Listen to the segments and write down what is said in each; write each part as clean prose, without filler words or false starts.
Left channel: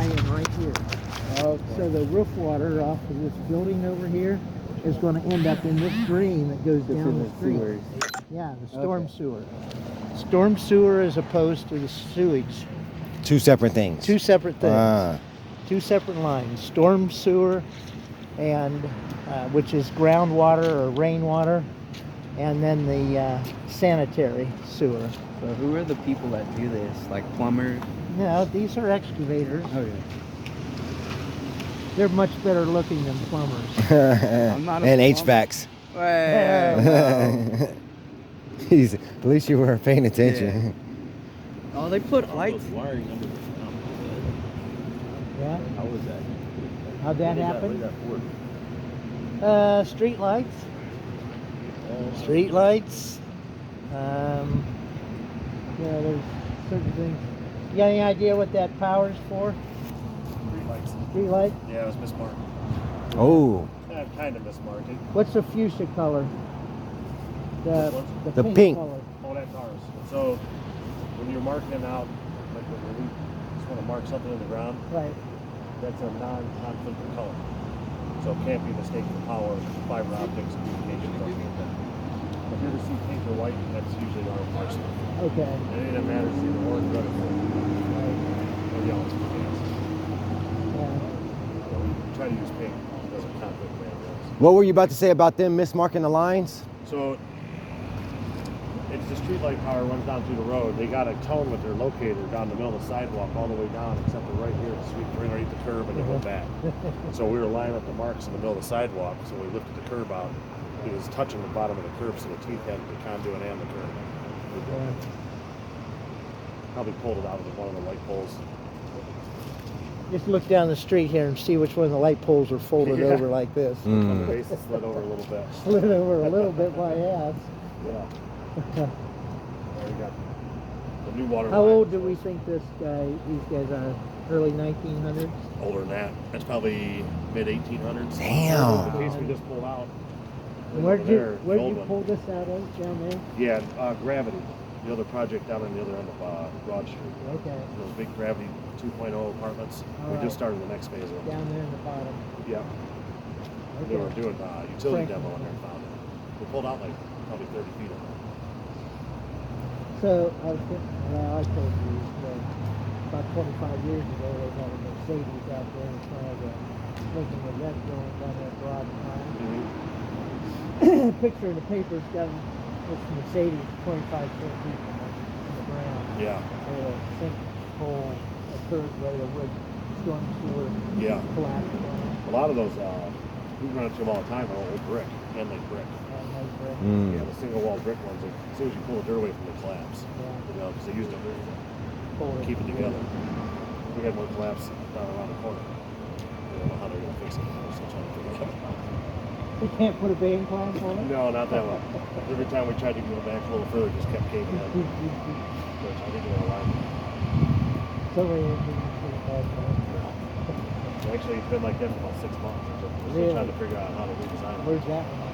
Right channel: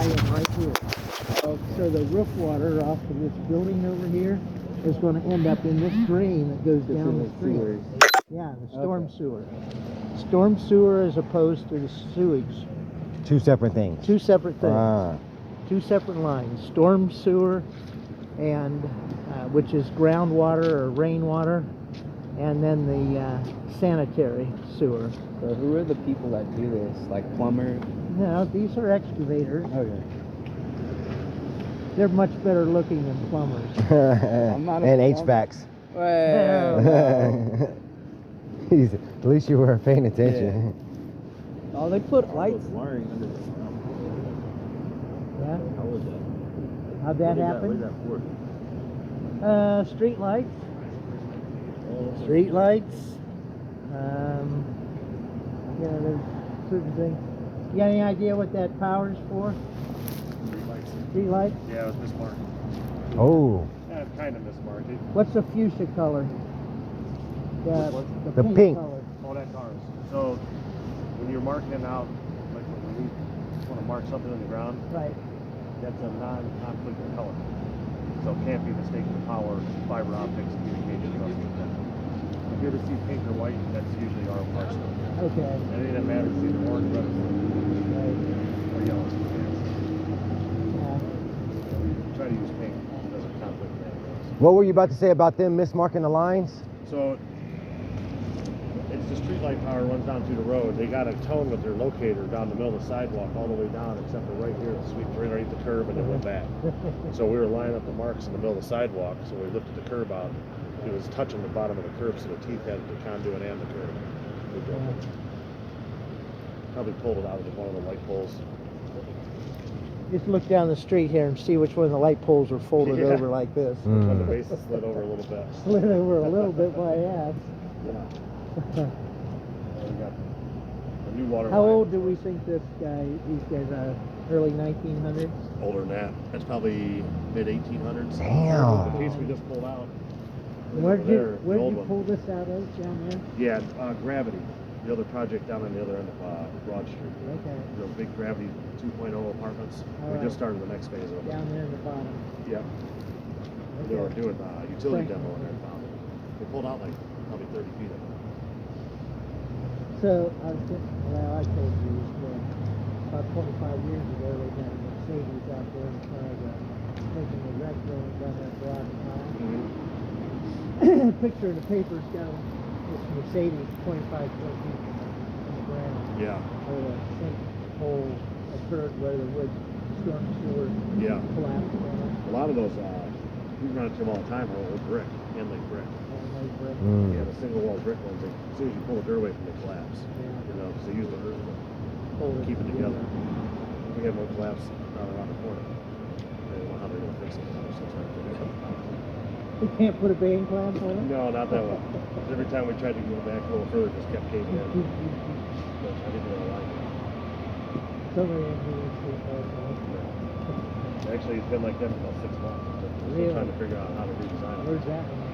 laying right here. So the roof water off of this building over here is going to end up in this drain that goes down the street. Yeah, the storm sewer. Storm sewer as opposed to the sewage. Two separate things. Two separate things. Two separate lines. Storm sewer, and which is groundwater or rainwater, and then the sanitary sewer. So who are the people that do this? Like plumbers? No, these are excavators. Okay. They're much better looking than plumbers. I'm not a And plumber. HVACs. Well, Jeez, at least you were paying attention. oh, they put lights. Wiring under the Yeah. How was that? How'd that What happen? does that work? Street lights. Street lights. Yeah, there's certain things. You got any idea what that power's for? Street light? Yeah, it was mismarked. Oh, Yeah, kind of mismarked. What's the fuchsia color? The pink. color. Oh, that's ours. So when you're marking it out, like when we just want to mark something in the ground, Right. that's a non-conflicting color. So it can't be mistaken for power, fiber optics, communications, stuff like that. If you ever see pink or white, that's usually our mark stuff. Okay. Anything that matters is either orange, red, or green, Right. or yellow. So Yeah. we try to use pink as a conflict man. what were you about to say about them mismarking the lines? So it's the street light power runs down through the road. They got to tell them that they're located down the middle of the sidewalk all the way down, except for right here. It's right underneath the curb and they went back. So we were lining up the marks in the middle of the sidewalk. So we lifted the curb out. It was touching the bottom of the curb, so the teeth had the conduit and the curb. We broke it. Probably pulled it out of one of the light poles. Just look down the street here and see which one of the light poles are folded Yeah. over like this. Mm. On the base, it slid over a little bit. Slid over a little bit by half. Yeah. And we got the new water How line. old do we think these guys are? Early 1900s? Older than that. That's probably mid 1800s. Damn. The piece we just pulled out. Where'd Over there, you the old pull one. this out of down there? Yeah, Gravity. The other project down on the other end of Broad Street. Okay, Those big Gravity 2.0 apartments. We Alright. just started the next phase of them. down there in the bottom. Yeah. They were Okay. doing utility Frank. demo on there and found it. We pulled out like probably 30 feet of it. So I told you about 25 years ago they had a Mercedes out there in front of the Lincoln the Red Building down there at Broad Mile. Picture in the paper's got this Mercedes 25 foot deep in the ground. Yeah. Where a sinkhole occurred where the wood storm sewer Yeah. collapsed on it. A lot of those, we run into them all the time, are old brick, handmade brick. And they brick. Mm. Yeah, the single wall brick ones, as soon as you pull the dirt away from the collapse, Yeah. you know, because they use it to Hold it keep it together. We had one collapse down around the corner. I don't know how they're going to fix it. We're still trying to figure it out. You can't put a band clamp on it? No, not that one. Every time we tried to go back a little further, it just kept caving in. Which I think we're aligned. So many engineers do that, No. Actually, it's been like that for about 6 months. We're still Really? trying to figure out how to redesign it. Where's that one?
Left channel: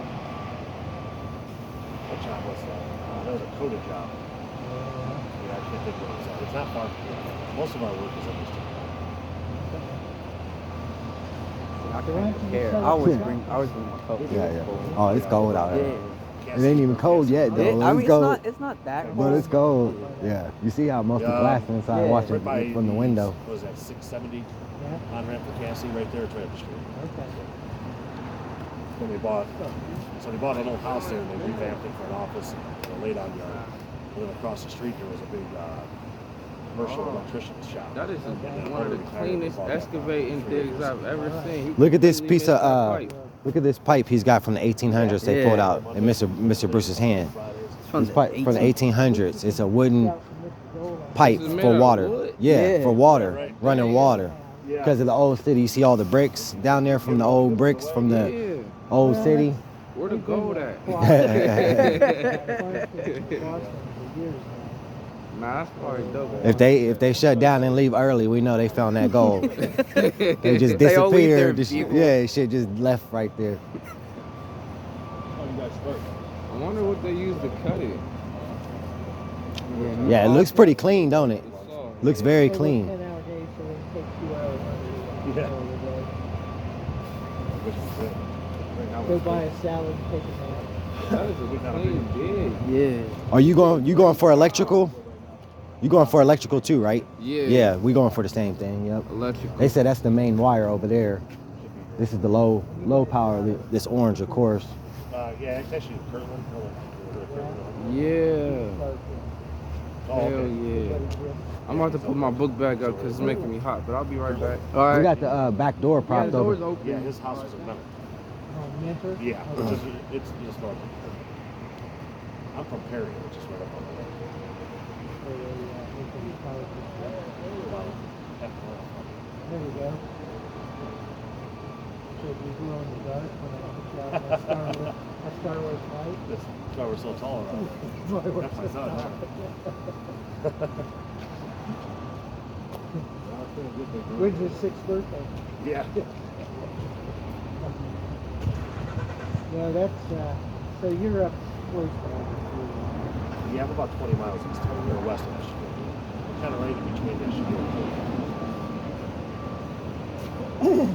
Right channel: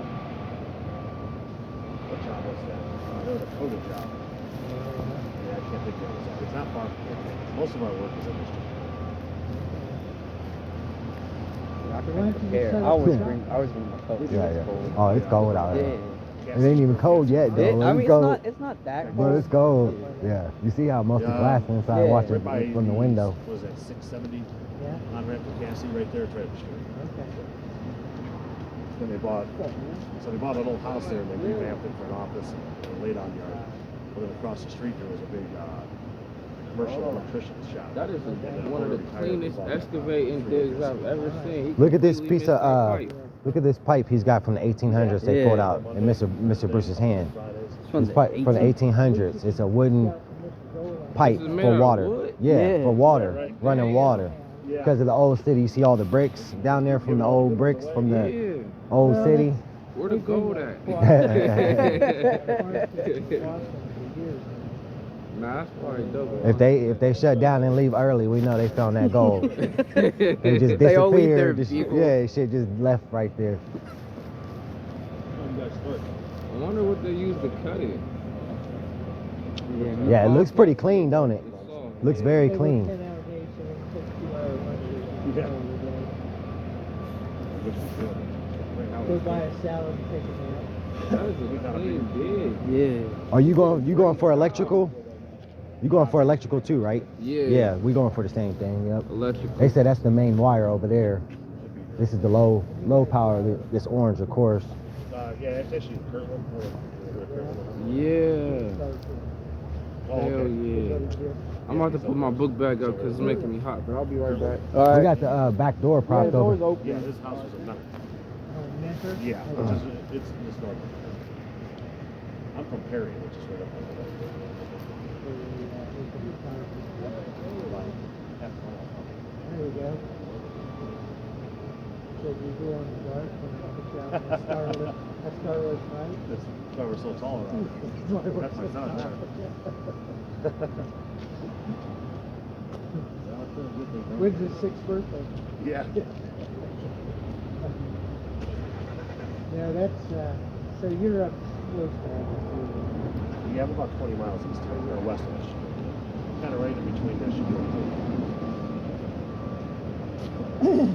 What job was that? That was a coated job. Yeah, I can't think of it. It's not far from here. Most of our work is in this job. Yeah, I always bring my coat. Yeah, yeah. Oh, it's cold out Yeah. here. It ain't even cold yet, though. I mean, It's cold. it's not that But cold. it's cold. Yeah. You see how most of the Yeah. glass inside Yeah. watching Right by from the window. What was that, 670 Yeah, on ramp for Cassie, right there at Travis Street. okay. When they bought, so they bought an old house there and they revamped it for an office and a laid-on yard. And then across the street there was a big commercial electrician's shop. That is And then one of the when they retired, they cleanest bought that excavating 3 digs acres. I've ever seen. Look at this Completely piece of missed that pipe. look at this pipe he's got from the 1800s. They Yeah. pulled out in Mr. Bruce's hand. From This pipe from the 1800s. It's a wooden pipe This is made for out of water. wood? Yeah, Yeah. for water, Yeah, right. running water. Yeah. Because of the old city, you see all the bricks down there from the old bricks from the Yeah. old city. Where the gold at? Nah, that's probably double. If they shut down and leave early, we know they found that gold. They just They all leave their disappeared. This- people. Yeah, shit just left right there. I wonder what they use to cut it. Yeah, it looks pretty clean, don't it? It's soft. Looks very They work clean. 10-hour days, so it takes 2 hours Yeah. Which is good. Right now Go we're buy a salad and take a nap. That is a clean dig. Yeah. Are you going for electrical? You going for electrical too, right? Yeah. Yeah, we going for the same thing. Yep. Electrical. They said that's the main wire over there. This is the low power. This orange, of course. yeah, it's actually Kirtland. Yeah. Oh, Hell okay. yeah. I'm about to put my book bag up because it's making me hot, but I'll be right back. All We right. got the back door Yeah, propped the door's over. open. Yeah, his house was a metal. Oh, Mentor? Yeah, Okay. it's north. I'm from Perry, which is right up on the road. About half a mile from me. There we go. So you go in the dark when I put you out in that Star Wars fight. That's why we're so tall around. That's why we're That's my so son. tall. When's his 6th birthday? Yeah. Yeah, that's, so you're up towards Yeah, I'm about 20 miles east of or west of Michigan. Kind of right in between Michigan and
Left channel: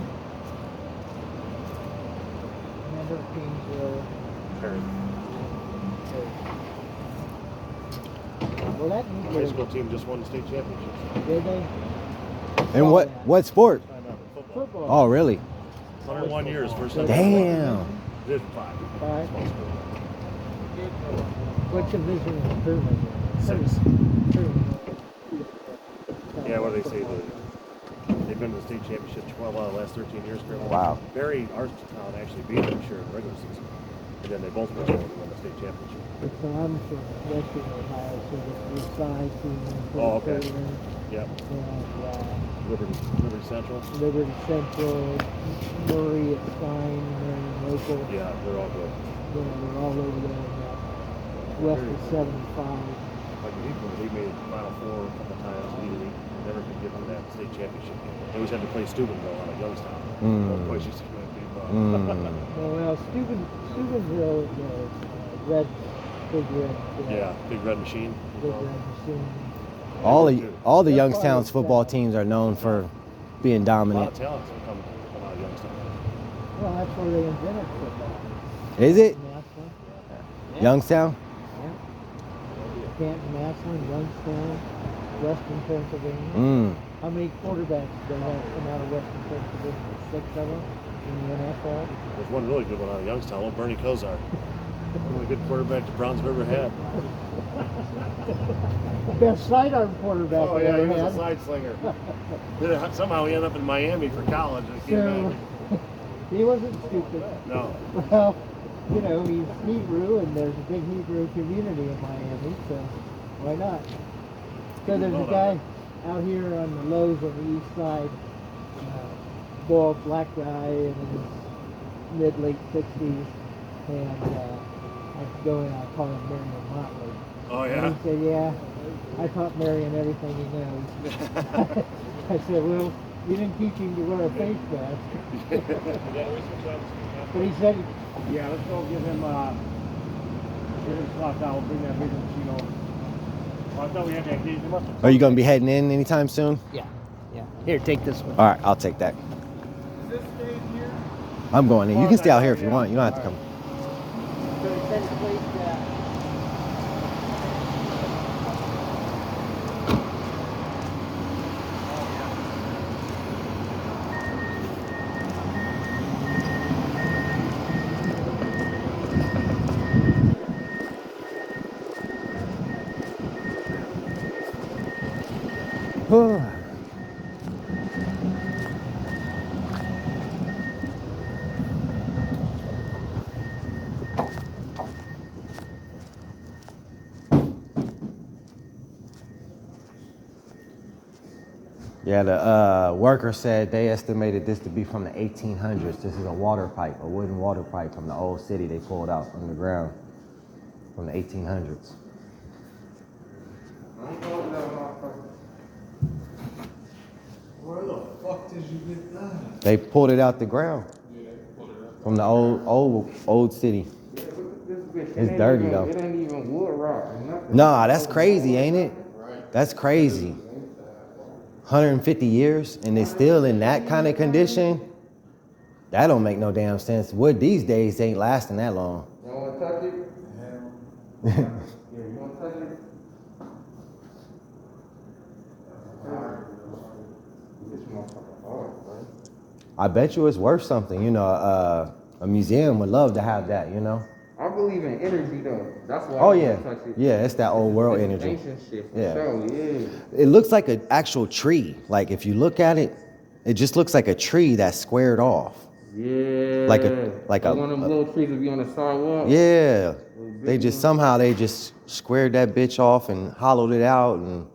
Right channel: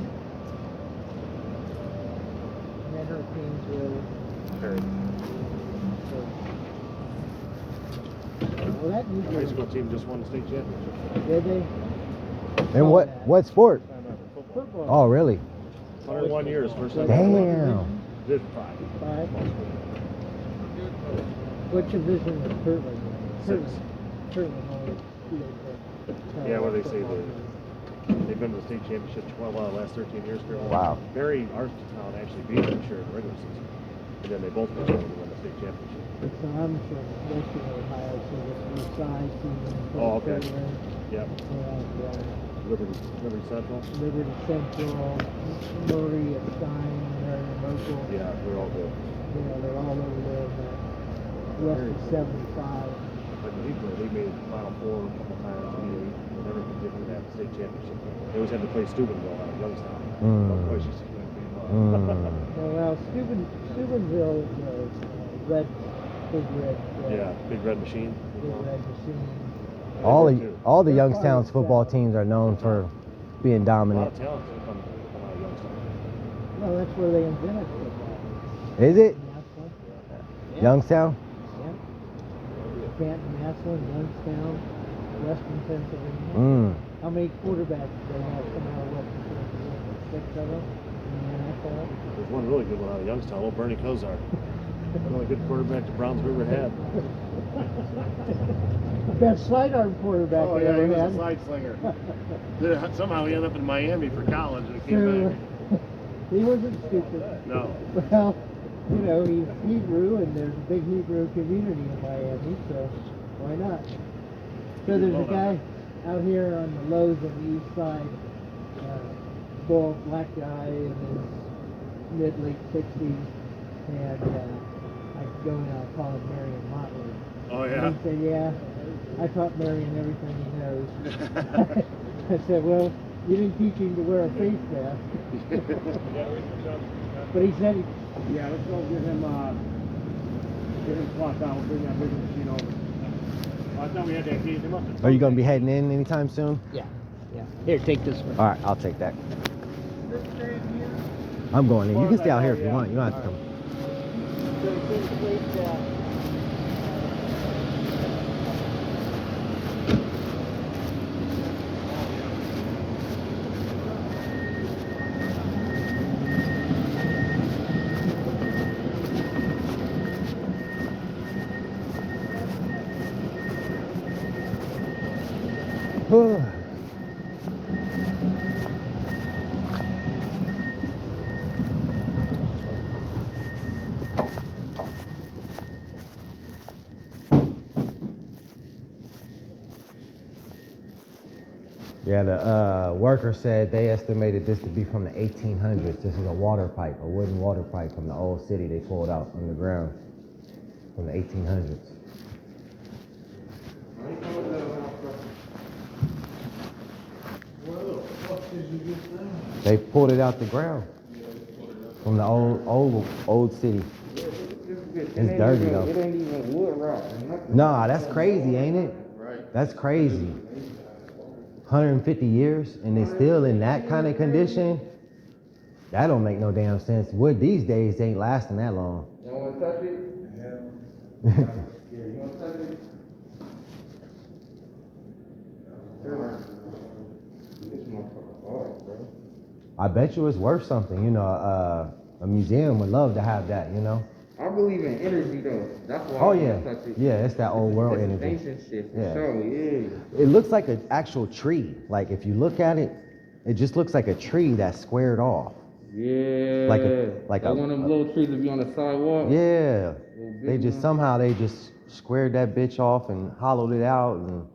Mentor, Kingsville. Perry. Well, that Our needs high school team just won the state championship. Did they? And what sport? Football. Football. Oh, really? 101 years, first time. Damn. Did 5. Five. Small school. What division is Kirtland? 6. Kirtland. Yeah, what they say they've been to the state championship 12 out of the last 13 years. Wow. Barry, our town actually beat them sure in the regular season. And then they both went on to win the state championship. So I'm from Western Ohio, so it's Side Oh, okay. Kirtland, Yep. and Liberty Central. Liberty Central, Murray at Stein, Marion Local. Yeah, they're all good. You know, they're all over there in that west of 75. Like the Eagles, they made Final Four a couple times. We never could get to that state championship. They always had to play Steubenville out of Youngstown. Both places used to win big Well, Steubenville, you know, is red, big red. Yeah, big red machine. Big red machine. All the Youngstown's football teams are known for being A lot dominant. of talents that come out of Youngstown. Well, that's where they invented football. Is it Massillon. Youngstown? Canton, Massillon, Youngstown, Western Pennsylvania. How many quarterbacks do they have come out of Western Pennsylvania? 6 of them in the NFL. There's one really good one out of Youngstown, old Bernie Kosar. One of the good quarterback the Browns have ever had. Best sidearm quarterback Oh they yeah, he ever was a had. side slinger. Somehow he ended up in Miami for college. I can't So imagine. he wasn't stupid. No. Well, you know, he's Hebrew, and there's a big Hebrew community in Miami, so why not? So there's a guy out here on Lowe's on the east side, bald black guy in his mid-late 60s, and I go in, I call him Marion Motley. Oh And yeah. he said, yeah, I taught Marion everything he knows. I said, well, you didn't teach him to wear a face mask. But he said, Yeah, let's go give him cloth out, bring that big machine on. Oh, I thought we had that key. Are you going to be heading in anytime soon? Yeah. Here, take this one. All right, I'll take that. I'm going in. You can stay out here if you want. You don't have to come. Yeah, the worker said they estimated this to be from the 1800s. This is a water pipe, a wooden water pipe from the old city they pulled out from the ground from the 1800s. Where the fuck did you get that? They pulled it out the ground from the old city. It's dirty though. It ain't even wood rot or nothing. Nah, that's crazy, ain't it? Right. That's crazy. 150 years and it's still in that kind of condition, that don't make no damn sense. Wood these days ain't lasting that long. You want to touch it? Hell, Yeah, you want to touch it? This motherfucker hard, bro. I bet you it's worth something. You know, a museum would love to have that, you know? I believe in energy though. That's why Oh I yeah. wanna touch it. Yeah, it's that old world It's energy. ancient shit, for Yeah. sure, yeah. It looks like an actual tree. Like if you look at it, it just looks like a tree that's squared off. Yeah. Like a one of them little trees that be on the sidewalk. Yeah. Little They big just one. somehow they just squared that bitch off and hollowed it out, and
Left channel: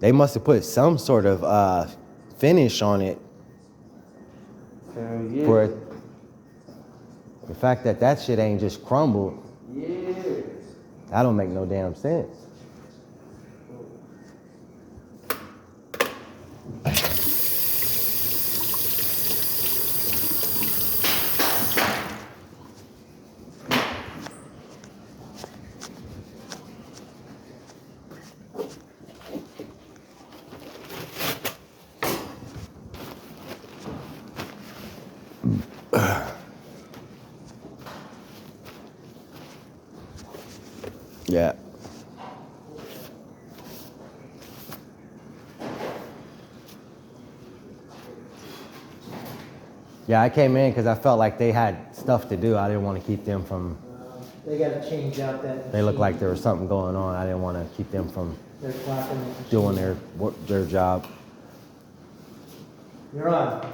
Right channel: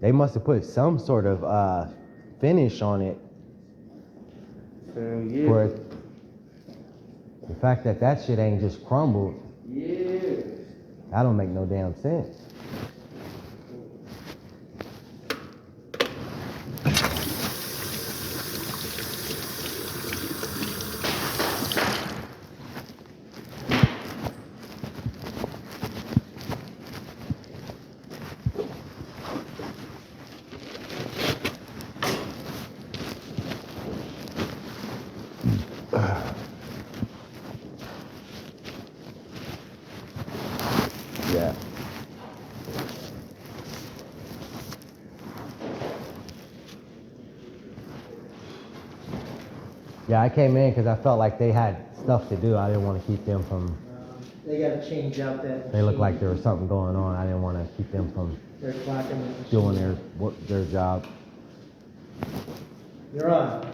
they must have put some sort of finish on it Hell yeah. for it. The fact that that shit ain't just crumbled, Yeah. that don't make no damn sense. Yeah. Yeah, I came in because I felt like they had stuff to do. I didn't want to keep them from. They gotta change out that. They looked like machine. there was something going on. I didn't want to keep them from They're clocking the doing machine. their job. You're on.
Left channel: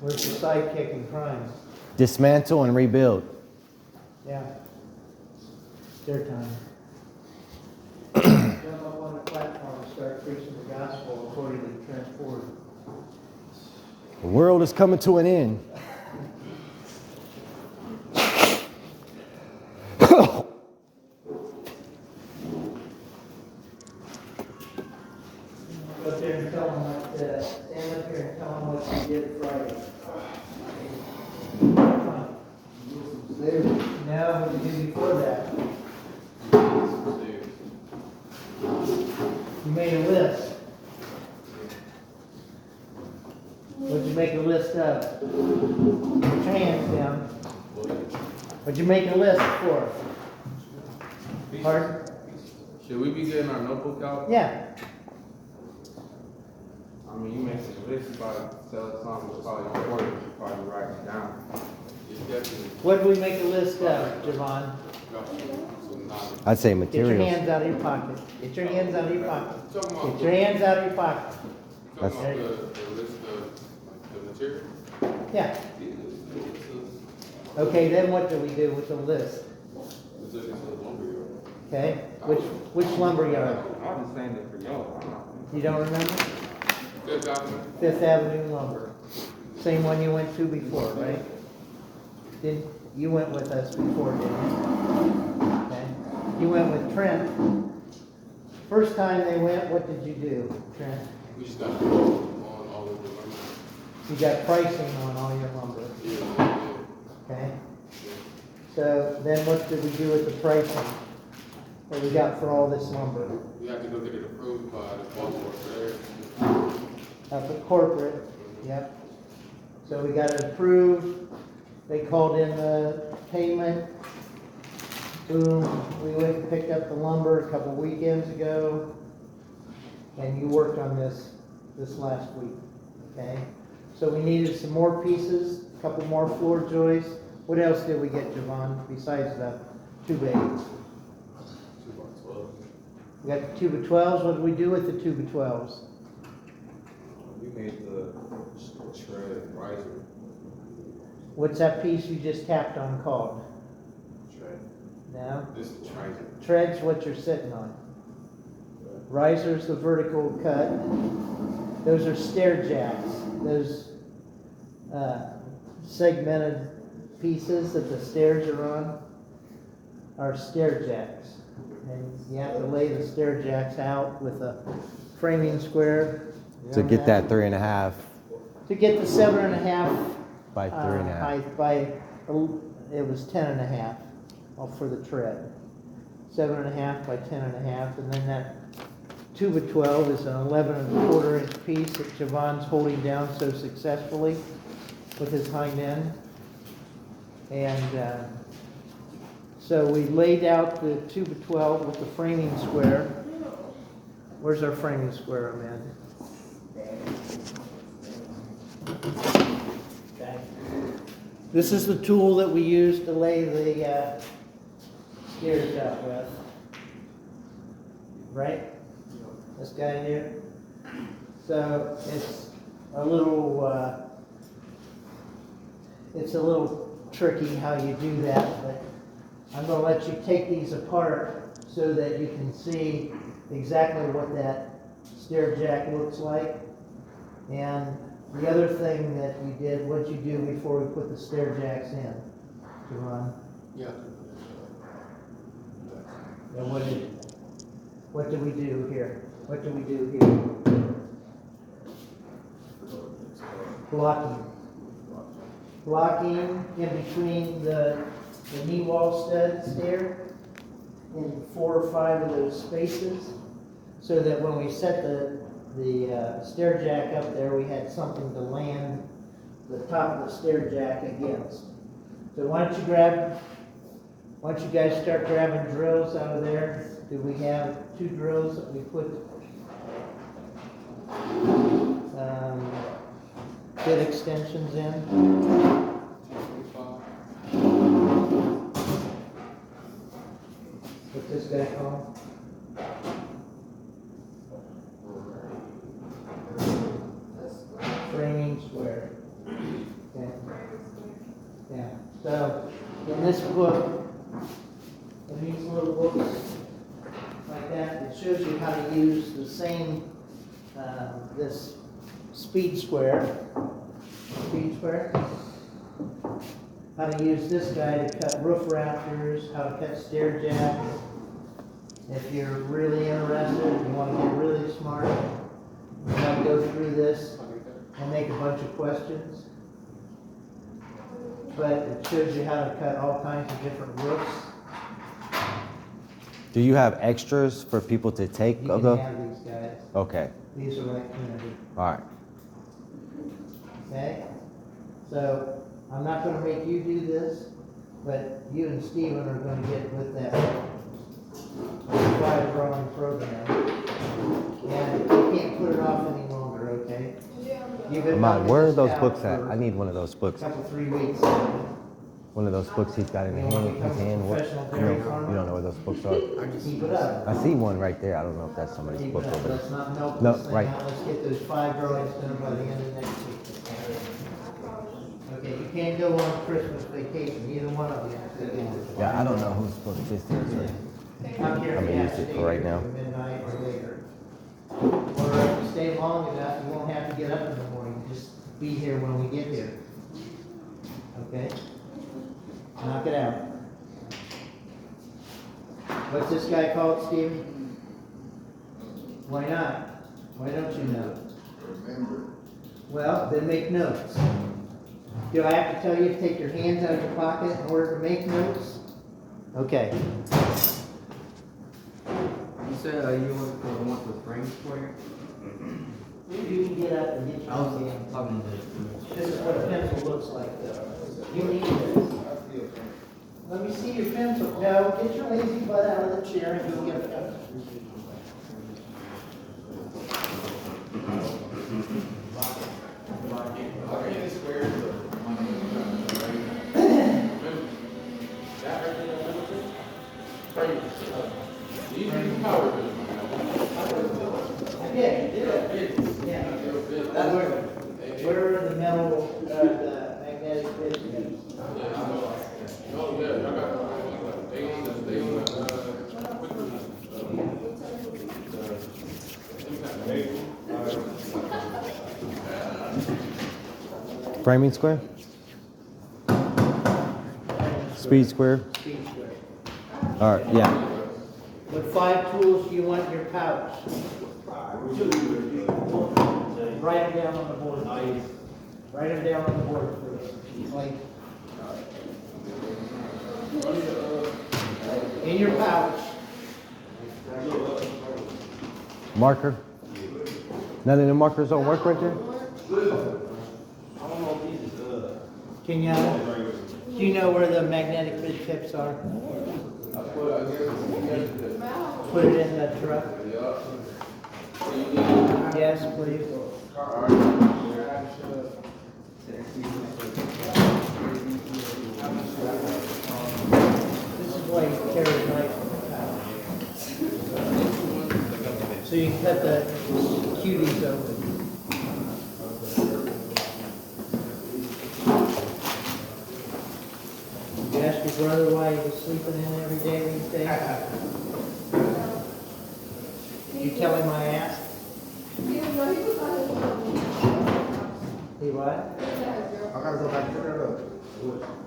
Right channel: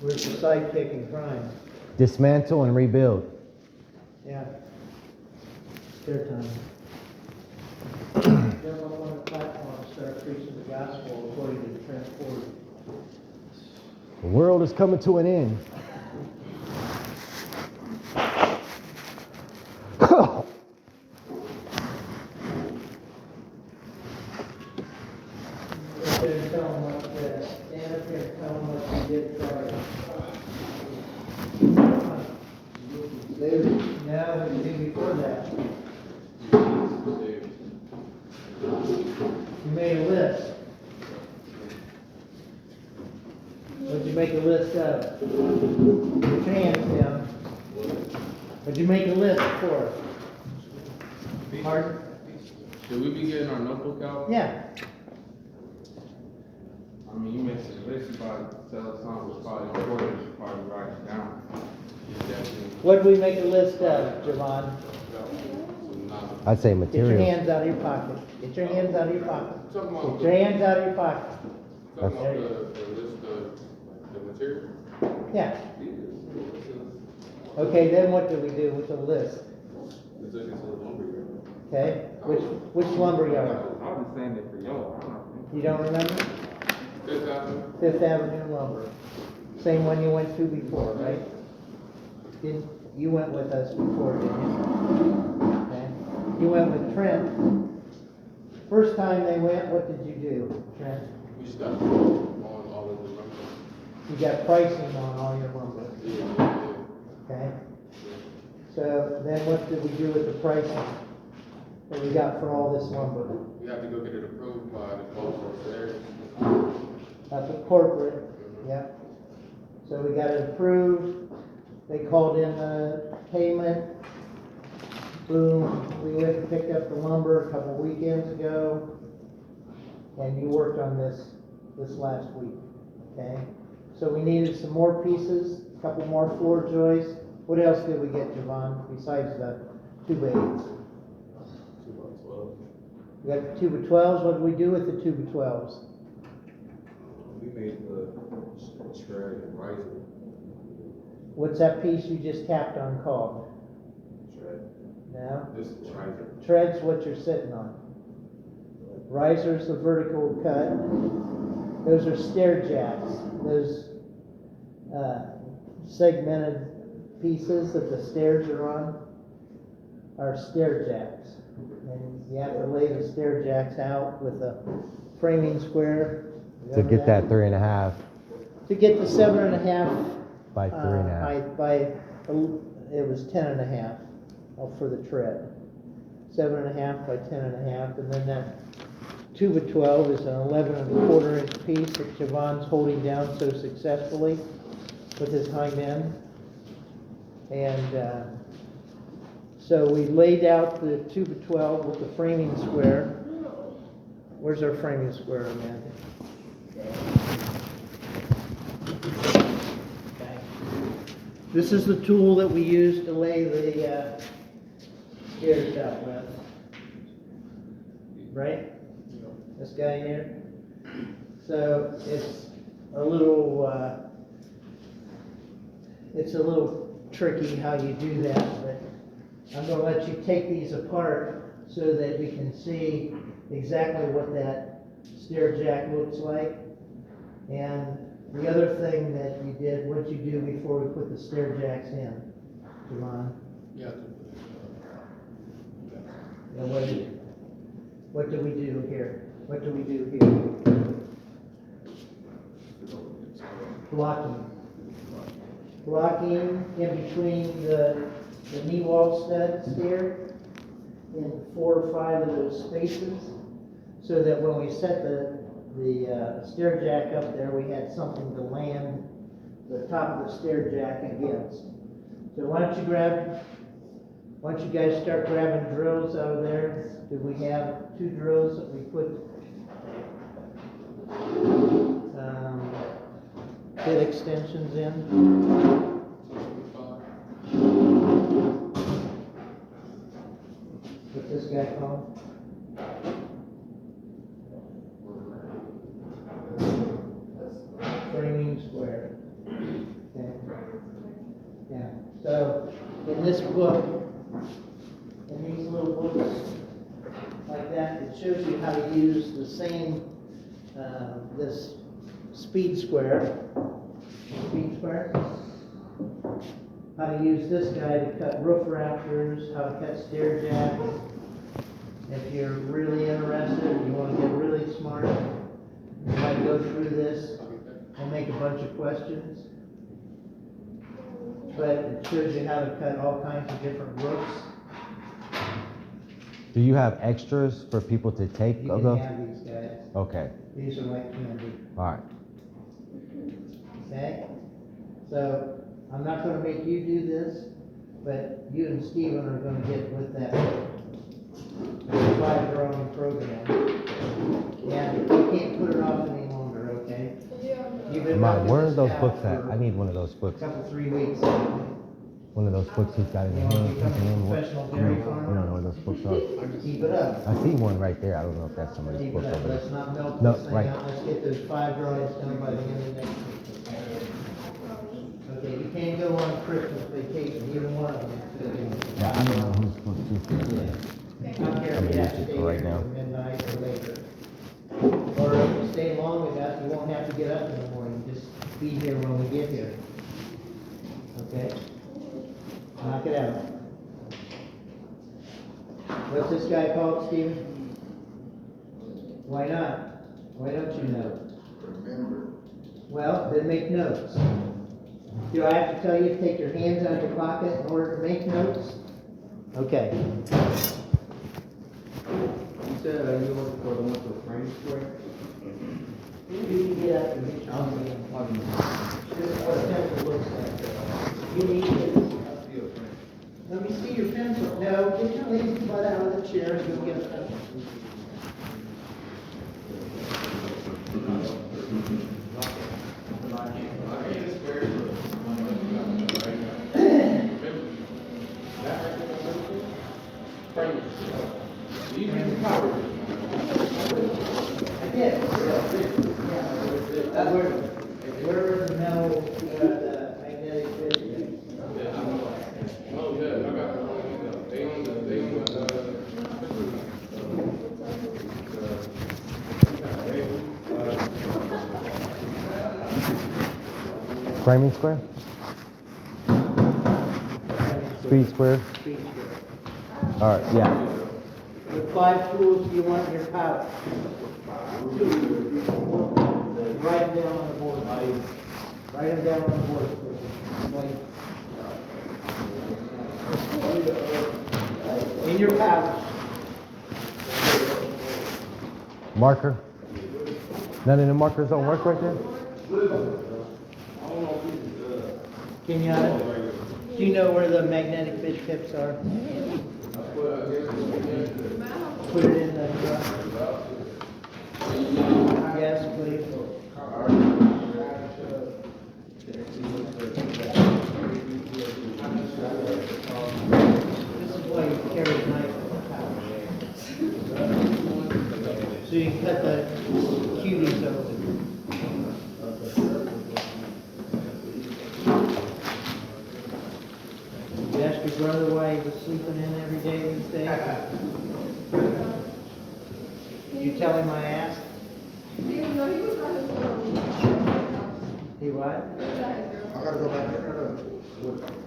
Where's the sidekick in crime? Dismantle and rebuild. Yeah. Their time. Gentlemen on the platform to start preaching the gospel according to the transport. The world is coming to an end. Up there and tell them what, stand up here and tell them what you did Friday. No, what you did before that. You made a list. What'd you make a list of? Put your hands down. What'd you make a list for? Pardon? Should we be getting our notebook out? Yeah. I mean, you mentioned this, you probably tell us something, it's probably important, you should probably write it down. What'd we make a list of, Javon? I'd say Get your materials. hands out of your pocket. Get your hands out of your pocket. Get your hands out of your pocket. That's- the list of the material? Yeah. Okay, then what do we do with the list? Okay, which lumber yard? I was just saying that for y'all. You don't remember? Fifth Avenue lumber. Same one you went to before, right? You went with us before, didn't you? Okay. You went with Trent. First time they went, what did you do, Trent? We just got on all of the lumber. You got pricing on all your lumber, okay? So then what did we do with the pricing that we got for all this lumber? We have to go get it approved by the Baltimore Fair. Up at corporate, yep. So we got it approved, they called in the payment. Boom, we went and picked up the lumber a couple weekends ago. And you worked on this last week, okay? So we needed some more pieces, a couple more floor joists. What else did we get, Javon, besides the 2x8s? 2x12. We got the 2x12s, what did we do with the 2x12s? We made the shred riser. What's that piece you just tapped on called? Shred. No? This is riser. Tread's what you're sitting on. Riser's the vertical cut. Those are stair jacks. Those segmented pieces that the stairs are on are stair jacks. And you have to lay the stair jacks out with a framing square. To get that 3.5 To get the 7.5 by 3.5. height by, it was 10.5 for the tread. 7.5 by 10.5, and then that 2 by 12 is an 11 1/4 inch piece that Javon's holding down so successfully with his hind end. And so we laid out the 2 by 12 with the framing square. Where's our framing square, Amanda? Okay. This is the tool that we use to lay the stairs out with. Right? This guy here. So it's a little tricky how you do that, but I'm going to let you take these apart so that you can see exactly what that stair jack looks like. And the other thing that you did, what you do before we put the stair jacks in, Javon? Yeah. And what do we do here? What do we do here? Blocking. Blocking in between the knee wall studs here in 4 or 5 of those spaces, so that when we set the stair jack up there, we had something to land the top of the stair jack against. So why don't you guys start grabbing drills out of there? Do we have 2 drills that we put bit extensions in? What's this guy called? Framing square. Okay. Yeah. So in this book, in these little books like that, it shows you how to use the same this speed square. How to use this guy to cut roof rafters, how to cut stair jacks. If you're really interested, you want to get really smart, you might go through this and make a bunch of questions. But it shows you how to cut all kinds of different roofs. Do you have extras for people to take You of can the? have these guys. Okay. These are like candy. All right. Okay? So I'm not going to make you do this, but you and Steven are going to get with that 5 drawing program. And you can't put it off any longer, okay? You've been Mom, knocking where are this those out books at? for I need one of those a books. couple, 3 weeks. One of those books he's got in You his want to hand. become His a hand. professional You dairy don't farmer? know where those books are. Keep it up. I see one right there. I don't know if that's somebody's Keep book it up. over there. Let's not melt No, this thing right. out. Let's get those 5 drawings done by the end of next week. Okay, you can't go on Christmas vacation, either one of you. Yeah, I don't know whose book this is. I'm here I mean, to use it stay for right here now. till midnight or later. Or if you stay long enough, you won't have to get up in the morning, just be here when we get here. Okay? Knock it out. What's this guy called, Steve? Why not? Why don't you know? Well, then make notes. Do I have to tell you to take your hands out of your pocket in order to make notes? Okay. You said you looking for the one with the frame square? You can get up and get your own. This is what a pencil looks like. You need this. Let me see your pencil. No, get your lazy butt out of the chair and go get a pencil. Yeah, where are the metal, the magnetic discs? Framing square? Speed square? Speed square. All right, yeah. What 5 tools do you want in your pouch? 2. Write them down on the board. Write them down on the board for like in your pouch. Marker? None of the markers don't work right there? Can you, do you know where the magnetic bit tips are? Put it in the truck. Yes, please. This is why you carry a knife in the power. So you can cut the cuties open. You ask your brother why he was sleeping in every day these days? Did you tell him I asked? He what? I gotta go back there.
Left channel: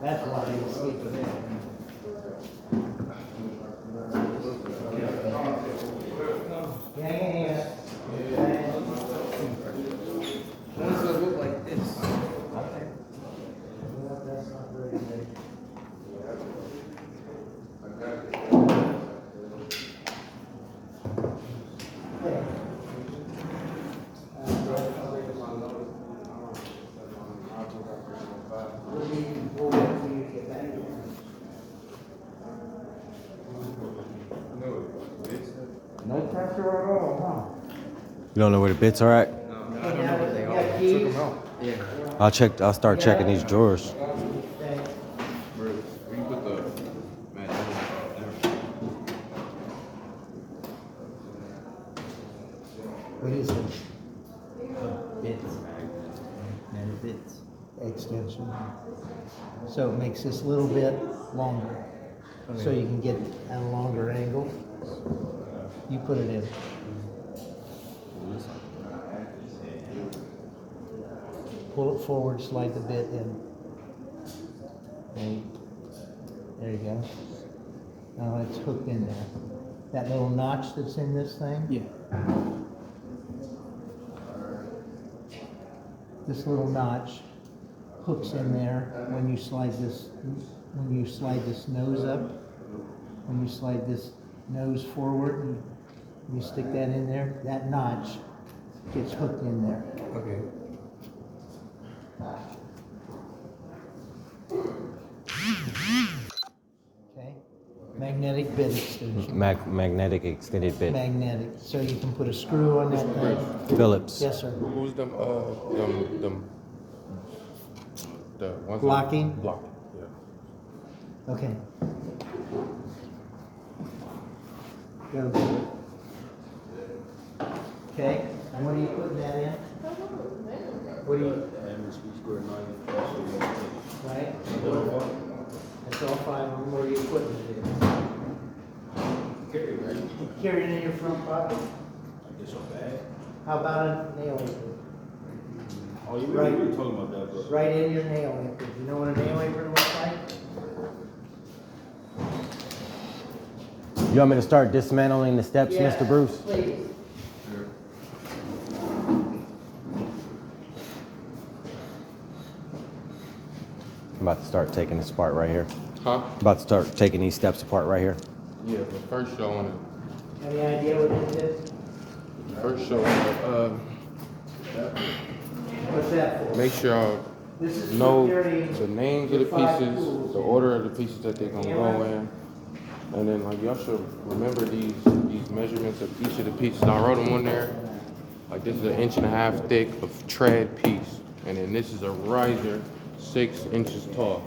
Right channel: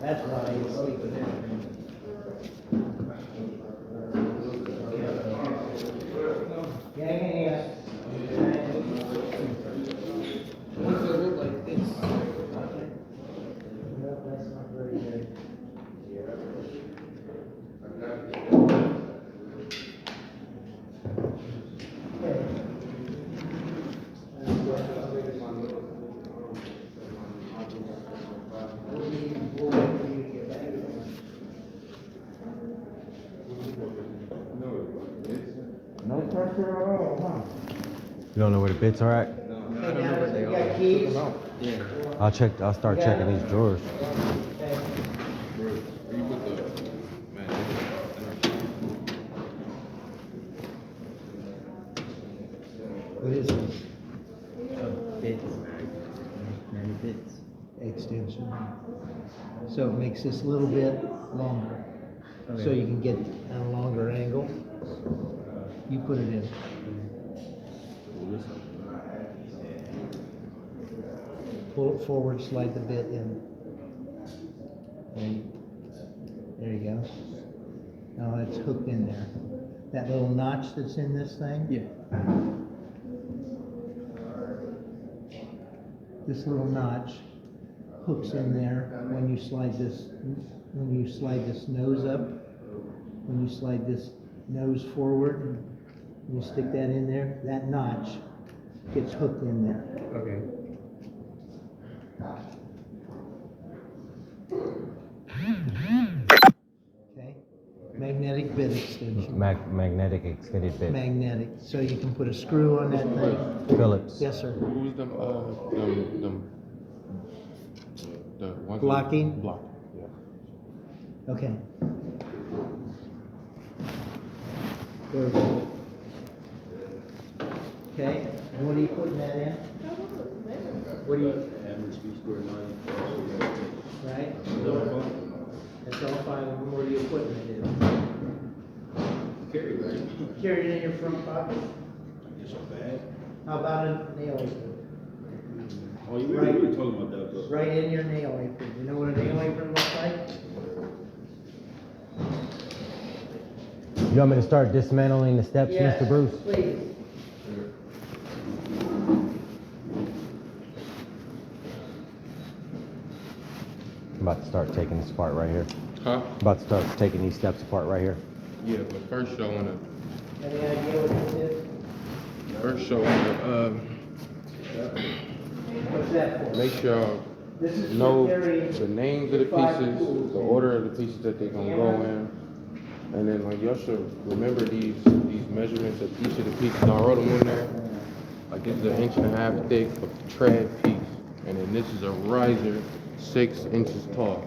That's why he was sleeping in. Yeah. Ones that look like this. Okay. Well, that's not very good. We'll wait for you to get back. No pressure at all, You don't know where the bits are at? I don't know where they are. Keys? I'll start checking these drawers. Okay. Where you put the What is this? Bits. No bits. Extension. So it makes this little bit longer. So you can get at a longer angle. You put it in. Pull it forward, slide the bit in. There you go. Now it's hooked in there. That little notch that's in this thing? Yeah. This little notch hooks in there when you slide this nose up, when you slide this nose forward and you stick that in there, that notch gets hooked in there. Okay. Okay? Magnetic bit extension. Magnetic extended bit. Magnetic, so you can put a screw on that thing. Phillips. Yes, sir. Who's them, the ones? Blocking? Blocking, yeah. Okay. Very good. Okay, and what are you putting that in? What do you? Right? That's all five of them. Where are you putting it in? Carry it in your front pocket? How about a nail apron? Oh, you Right. were talking about that, bro. Right in your nail apron. You know what a nail apron looks like? You want me to start dismantling the steps, Yeah, Mr. Bruce? Please. I'm about to start taking this apart right here. Huh? I'm about to start taking these steps apart right here. Yeah, but first y'all wanna, Any idea what this is? What's that for? make sure y'all This is know for carrying the names of the pieces, the order of the pieces that they're gonna go in. And then like y'all should remember these measurements of each of the pieces. And I wrote them on there. Like this is an 1.5 inch thick of tread piece. And then this is a riser 6 inches tall.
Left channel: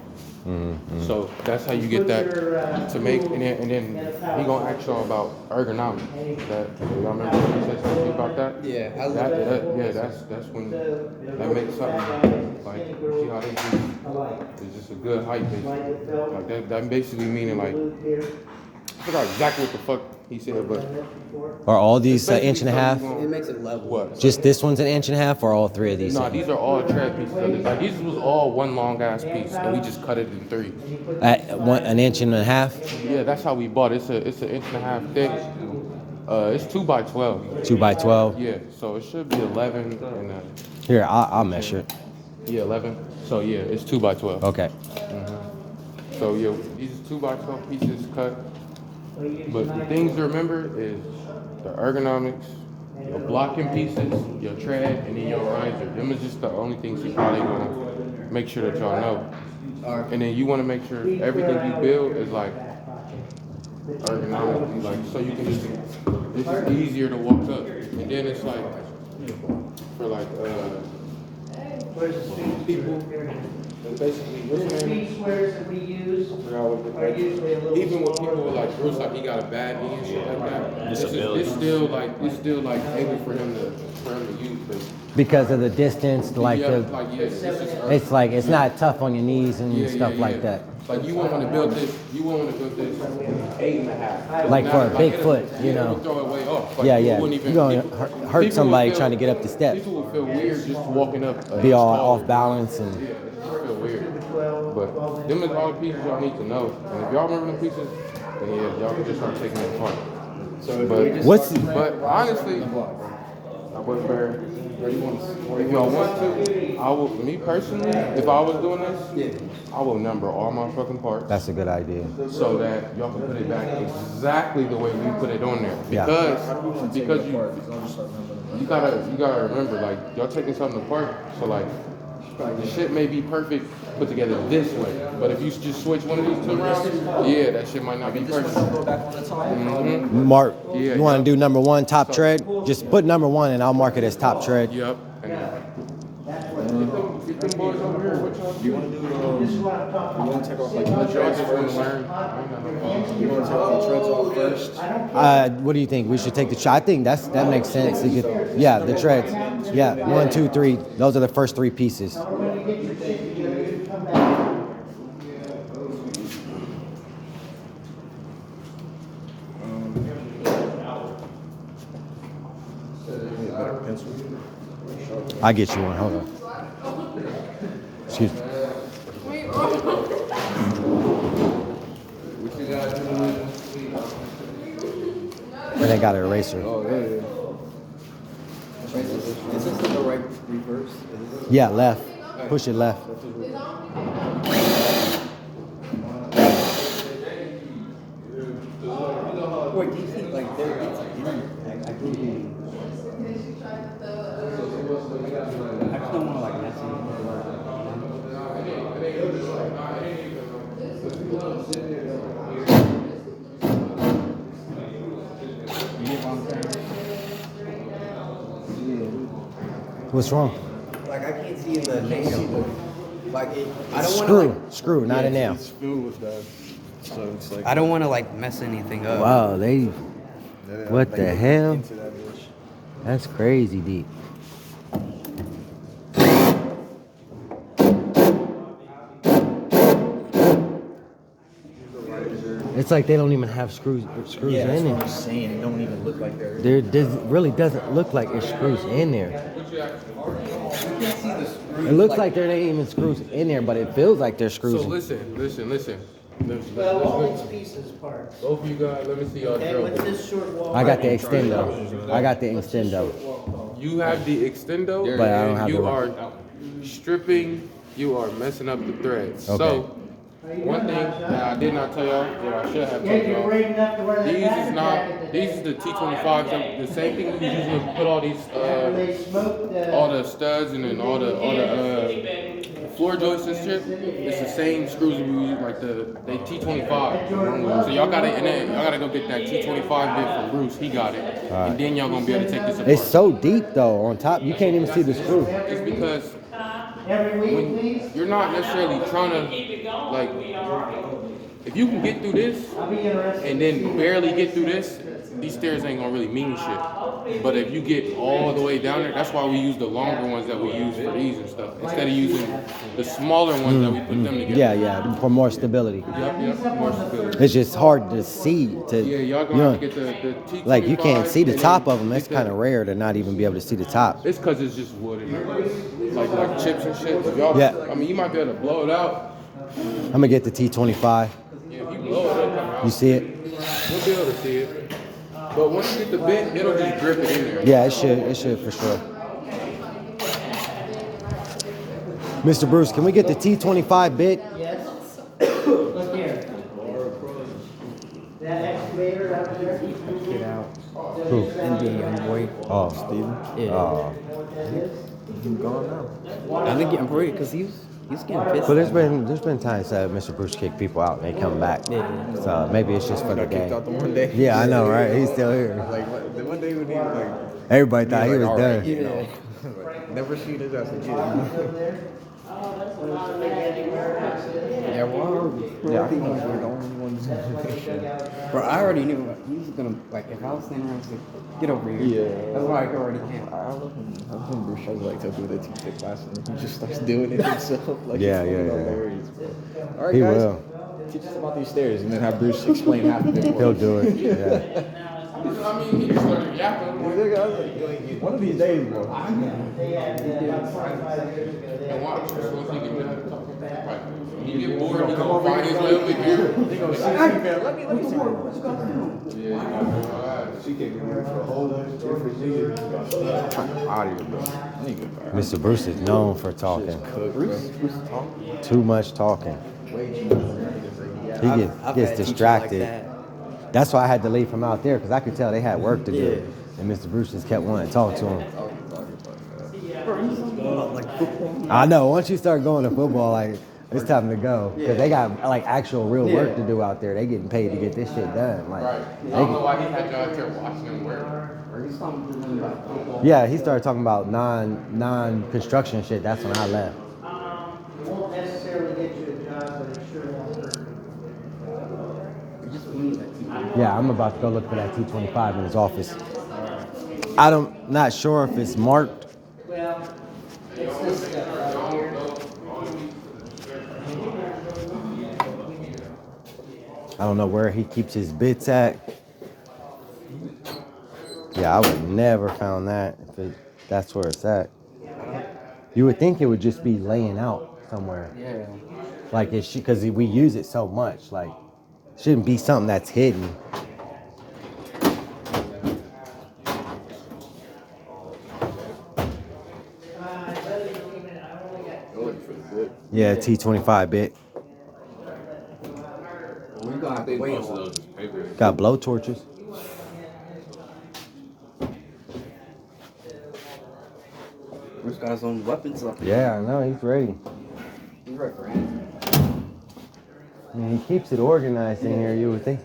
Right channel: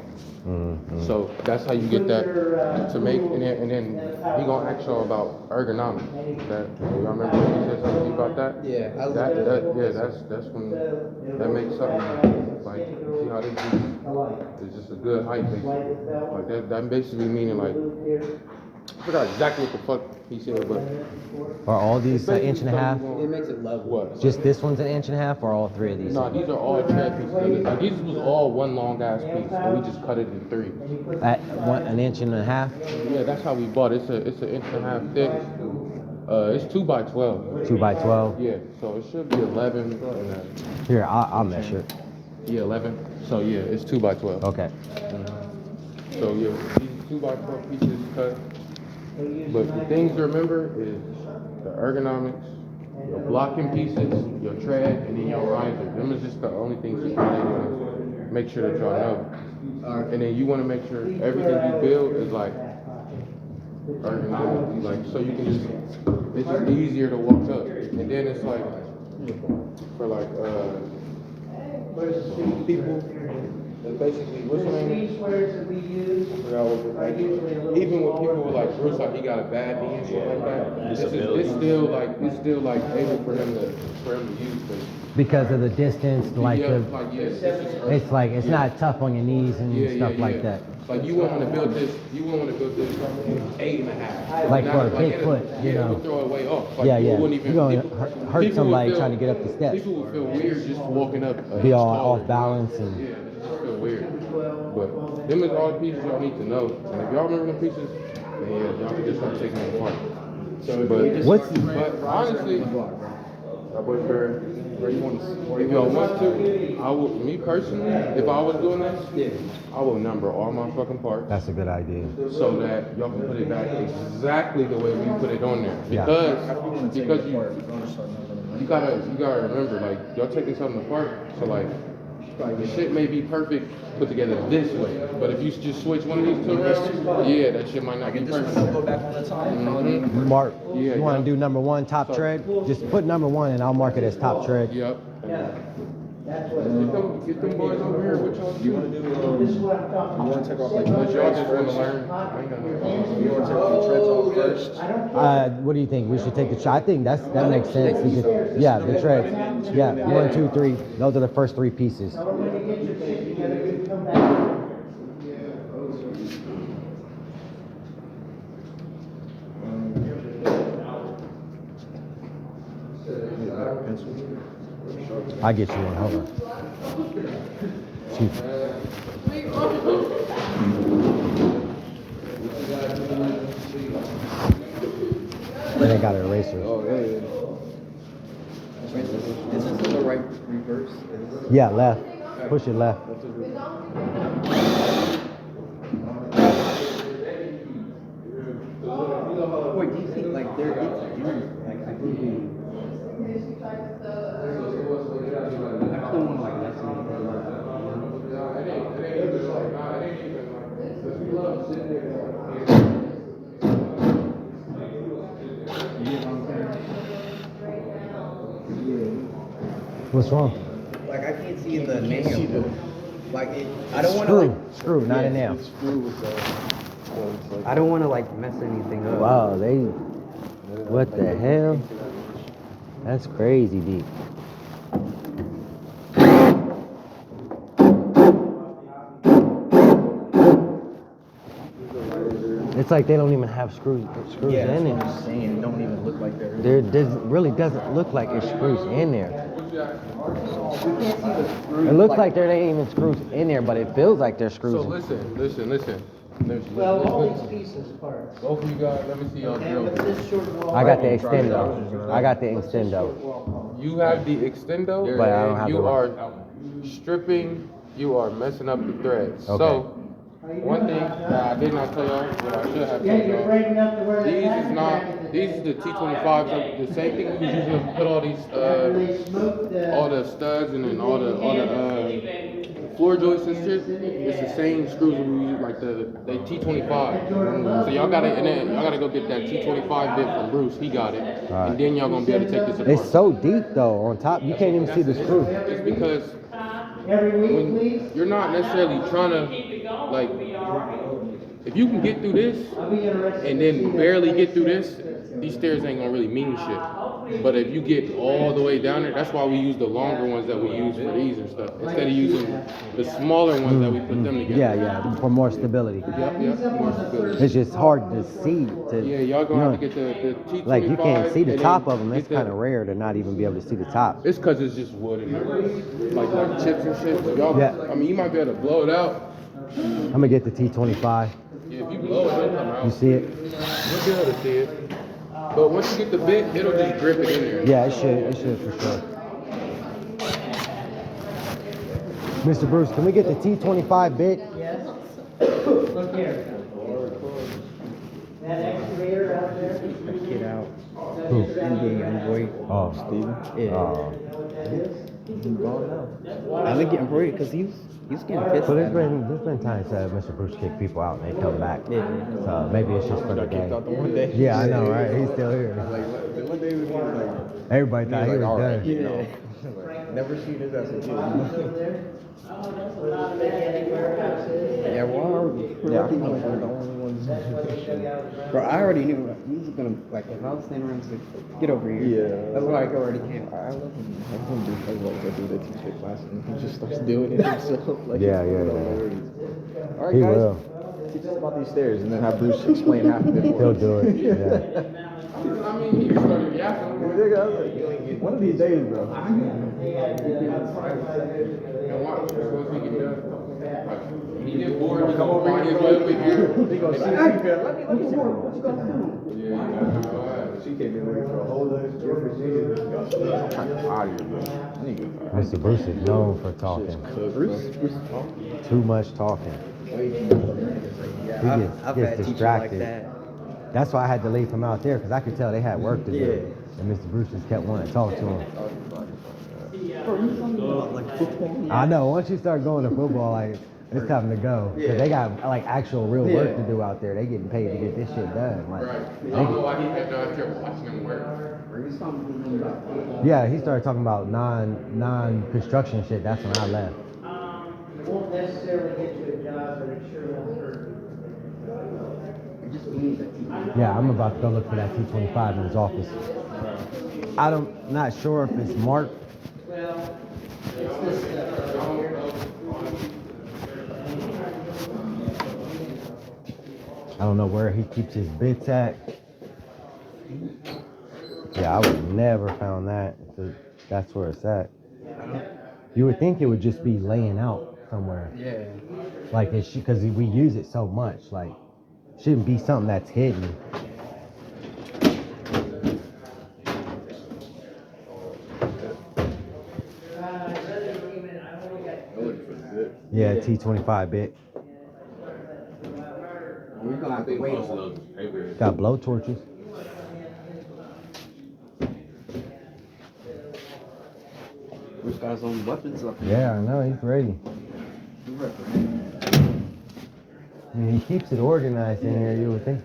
So that's how you get that to make, and then he gonna ask y'all about ergonomics. That y'all remember he said something about that? Yeah, I love That's when that makes something like, see how they do, it's just a good height basically. Like that basically meaning like, I forgot exactly what the fuck he said, but Are all these an inch and a half? It makes it level. what? Just this one's an inch and a half, or all three of these? No, these are all tread pieces. Like, these was all one long ass piece, and we just cut it in 3. An inch and a half? Yeah, that's how we bought it. It's an 1.5 thick. It's 2 by 12. 2 by 12? Yeah, so it should be 11. And, Here, I'll measure it. yeah, 11. So yeah, it's 2 by 12. Okay. So yeah, these 2 by 12 pieces cut. But the things you remember is the ergonomics, your blocking pieces, your tread, and then your riser. Them is just the only things you probably want to make sure that y'all know. And then you want to make sure everything you build is like ergonomically, like so you can just, it's just easier to walk up. And then it's like for like people that basically what's the name? These squares that we use are usually a little Even with smaller. people like Bruce, like he got a bad knee and shit like that. It's still like able for him to use, but Because of the distance, like yeah, the, like yeah, it's like it's not tough on your knees and stuff like that. Like you want to build this 8.5. Like for a Not big like foot, you know. Throw it way off. Like Yeah, you yeah. wouldn't even- You're gonna people- hurt people somebody will feel- trying to get up the steps. People will feel weird just walking up. Be all off balance and. Yeah, it feel weird. But them is all the pieces y'all need to know. And if y'all remember the pieces, then yeah, y'all can just start taking them apart. But honestly, if y'all want to, I will. Me personally, if I was doing this, I will number all my fucking parts That's a good idea. so that y'all can put it back exactly the way we put it on there. Yeah. Because you gotta remember, like y'all taking something apart, so like the shit may be perfect put together this way, but if you just switch one of these two around, yeah, that shit might not be perfect. Mark, Yeah, you want to yeah. do number one top tread? Just put number one and I'll mark it as top tread. Yep. And get them boys over here. What y'all do? This is what I'm talking You want to take off like Let the y'all treads just want to first? learn. I ain't got no problem. You want to take the treads off first? What do you think? We should take the shot. I think that makes sense. You could- yeah, the treads. Yeah, 1, 2, 3. Those are the first 3 pieces. about. When you get your shit together, you come back. I get you one. Hold on. Excuse me. But they got an eraser. Oh, yeah. Is this in the right reverse? Yeah, left. Push it left. Wait, do you think like there is like I think I just don't want to like mess anything You get what I'm saying? What's wrong? Like I can't see the nail. Like I don't want to Screw, not a nail. I don't want to like mess anything up. Wow, they. What the hell? That's crazy deep. It's like they don't even have screws in there. saying. It don't even look like they're. Really doesn't look like it's screws in there. You can't see the screw. It looks like there ain't even screws in there, but it feels like there's So screws. listen. Well, all these pieces parts. Both of you guys, let me see y'all Okay, drill. what's this short wall? I got the extendo. I got the extendo. You have the extendo, But I don't have you the- are stripping, you are messing up the threads. Okay. So, one thing that I did not tell y'all, that I should have Yeah, told you're y'all, brave enough to wear that these is jacket not, these is the T25s, the same thing you usually put all these, They smoked all the studs and then all the floor joists and shit. It's the same screws that we use, like the T25. So y'all gotta go get that T25 bit from Bruce. He got it, and then y'all gonna be able to take this apart. It's so deep though. On top, you can't even see the screw. It's because every week, when please. you're not necessarily trying to, like, if you can get through this I'll be interested. and then barely get through this, these stairs ain't gonna really mean shit. But if you get all the way down there, that's why we use the longer ones that we use for these and stuff, instead of using the smaller ones that we put them together. Yeah, for more stability. Yep, more stability. It's just hard to see. Yeah, y'all you gonna know, have to get the T25. like you can't see the and top then of them. It's get the- kind of rare to not even be able to see the top. It's cause it's just wood in there, like chips and shit. So y'all, Yeah. I mean, you might be able to blow it out. I'm gonna get the T25. Yeah, if you blow it, it'll come out. You see it? You'll be able to see it. But once you get the bit, it'll just grip it in there. Yeah, it should for sure. Mr. Bruce, can we get the T25 bit? Yes. Look here. That excavator out there. Get out. The Who? Indian young boy. Oh, Steven. Yeah. He's gone now. I think I'm worried because he's getting pissed. But there's been times that Mr. Bruce kicked people out and they come back. Yeah. So maybe it's just for the Got kicked game. out the one day. Yeah, I know, right? He's still here. Like the one day when he was like, Everybody thought he was all right, done. you know. Never seen his ass again. Yeah, well, Yeah, I think we're the only ones. but I already knew he was gonna like if I was standing around, I was like, get over here. Yeah. That's why I already came. I love him. I love him do shows like that, do that teacher class, and he just starts doing it himself. Like Yeah, it's yeah, fucking yeah. hilarious. All right, He guys, will. teach us about these stairs, and then have Bruce explain half of it. for He'll us. do it. Yeah. I mean, he started yapping. I'm like, Nigga, I was like, one of these days, bro. and watch, as soon as he get done talking about it, he get bored, he's gonna find his way over here. He goes, let me see what you gonna do. Yeah, She came in here for a whole other different nigga. Out of here, bro. Mr. Bruce is known for talking. Bruce talking. Too much talking. way too much. He gets distracted. That's why I had to leave from out there, because I could tell they had work to do. And Mr. Bruce just kept wanting to talk to him. Bro, you talking about like football? I know, once you start going to football, like, it's time to go. Because they got, like, actual real work to do out there. They getting paid to get this shit done. Like, right. I don't know why he had you out there watching him work. yeah, he started talking about non-construction shit. That's when I left. It won't necessarily get you a job, but it sure won't hurt you. Yeah, I'm about to go look for that T25 in his office. Not sure if it's marked. Well, it's this stuff right here. I don't know where he keeps his bits at. Yeah, I would never found that if that's where it's at. You would think it would just be laying out somewhere. Yeah. Like it's because we use it so much. Like, shouldn't be something that's hidden. Yeah, T25 bit. We're gonna have to wait. Got blow torches. This guy's on weapons up. Yeah, I know, he's ready. He's ready for anything. I mean, he keeps it organized in here, you would think.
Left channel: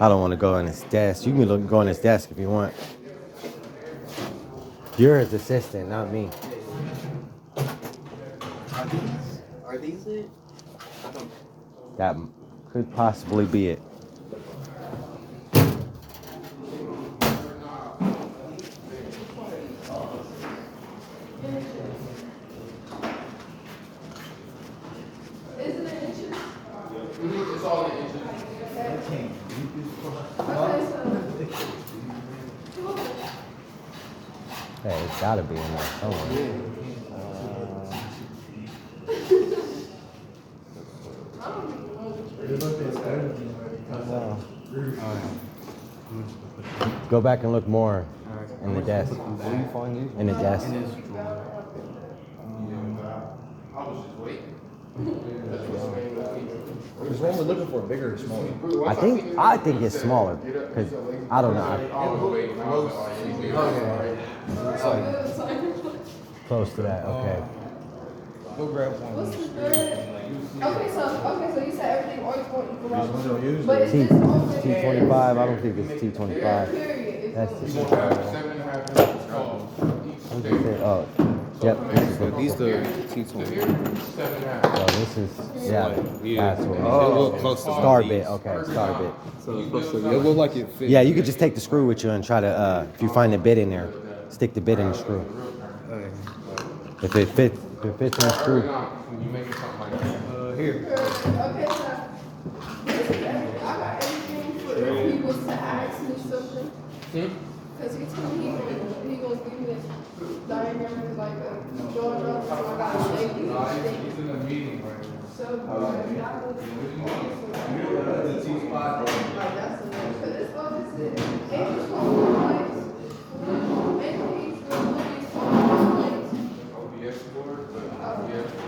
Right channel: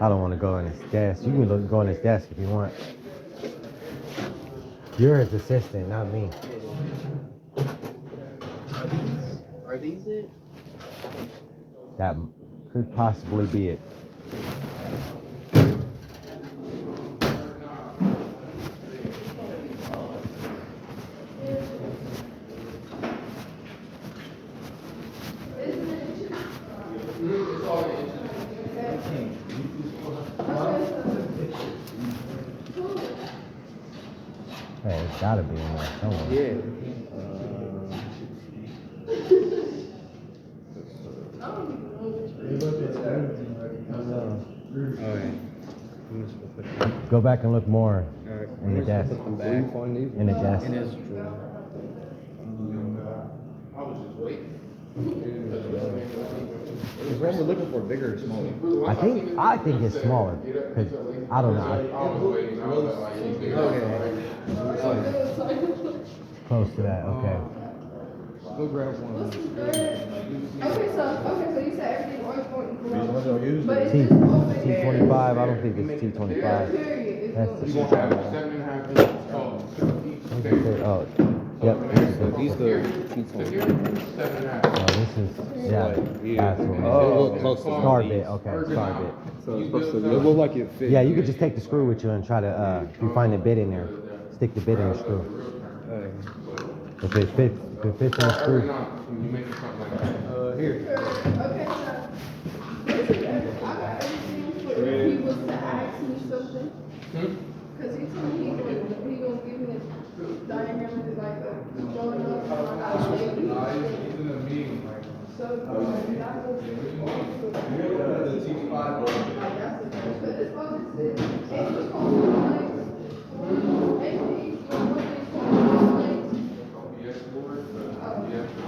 I don't want to go on his desk. You can go on his desk if you want. You're his assistant, not me. Are these it? That could possibly be it. It's all in inches. Hey, it's gotta be in there somewhere. Go back and look more in the desk. In the desk. I was just waiting. Is Roman looking for a bigger or smaller? I think it's smaller. Cause I don't know. I was waiting. I was like, anything. Close to that, okay. We'll grab one. Okay, so you said everything always going equal out. Use But is T this over T25. I don't think it's T25. period? That's the You gonna have 7.5 inches tall. I'm just saying, oh, yep. This is These the So T20. here, 7.5. oh, this is yeah. That's It right. look close to Star bit. Okay, star bit. So it's supposed to It be look like it fit. Yeah, you could just take the screw with you and try to, if you find a bit in there, stick the bit in the screw. If it fits in the screw. Now, can you make it something like that? Here. Okay, so I got everything for if he was to ask me something. Because he told me he gonna give me a diagram for like a drawing up. So I got a lady. He's in a meeting right now. So that was like that's the first. But it's all this is. And he's from lights. And he's from lights. Yes, Lord, but yes, you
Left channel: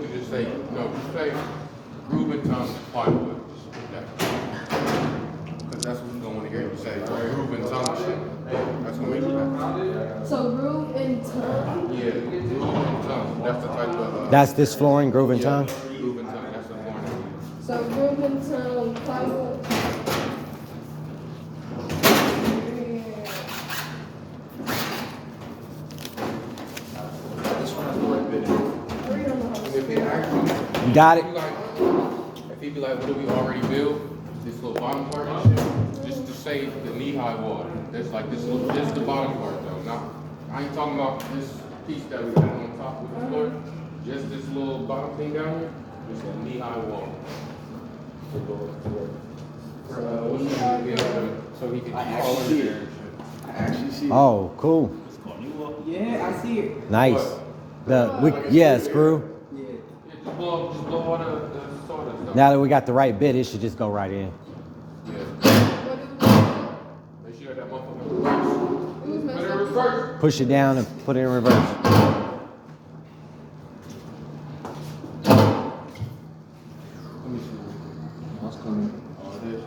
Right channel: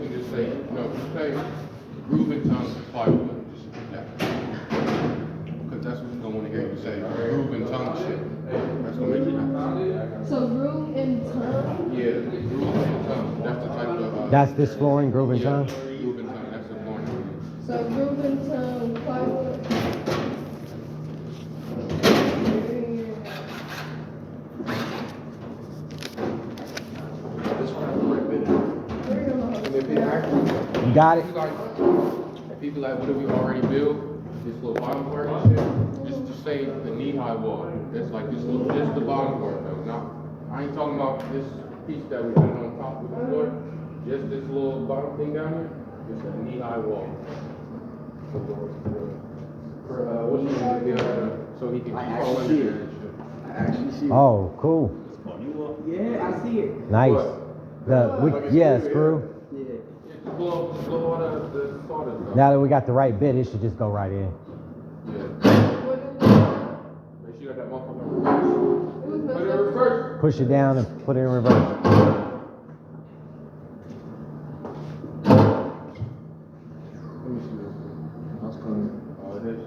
can just say, no, just say, hear you say groove and tongue shit. That's what makes you happy. So groove and tongue. Yeah, groove and tongue. That's the type of. That's this flooring, groove and tongue? Groove and tongue. That's the flooring. So groove and tongue plywood. This one has the right bit in it. I don't know how to And if they spell. actually, You got it? if he be like, what do we already build? This little bottom part and shit, just to say the knee-high wall. That's like this little, this is the bottom part though. Now, I ain't talking about this piece that we have on top of the floor. Just this little bottom thing down here, just a knee-high wall. So he can call in there and shit. I actually see it. Oh, cool. Yeah, I see it. Nice. Yeah, screw. Yeah. Just blow all the sawdust out. Now that we got the right bit, it should just go right in. Yeah. What do we Make sure that motherfucker reverse. It was Put messed it in up. reverse. Push it down and put it in reverse. Let me see. That's coming. All of this.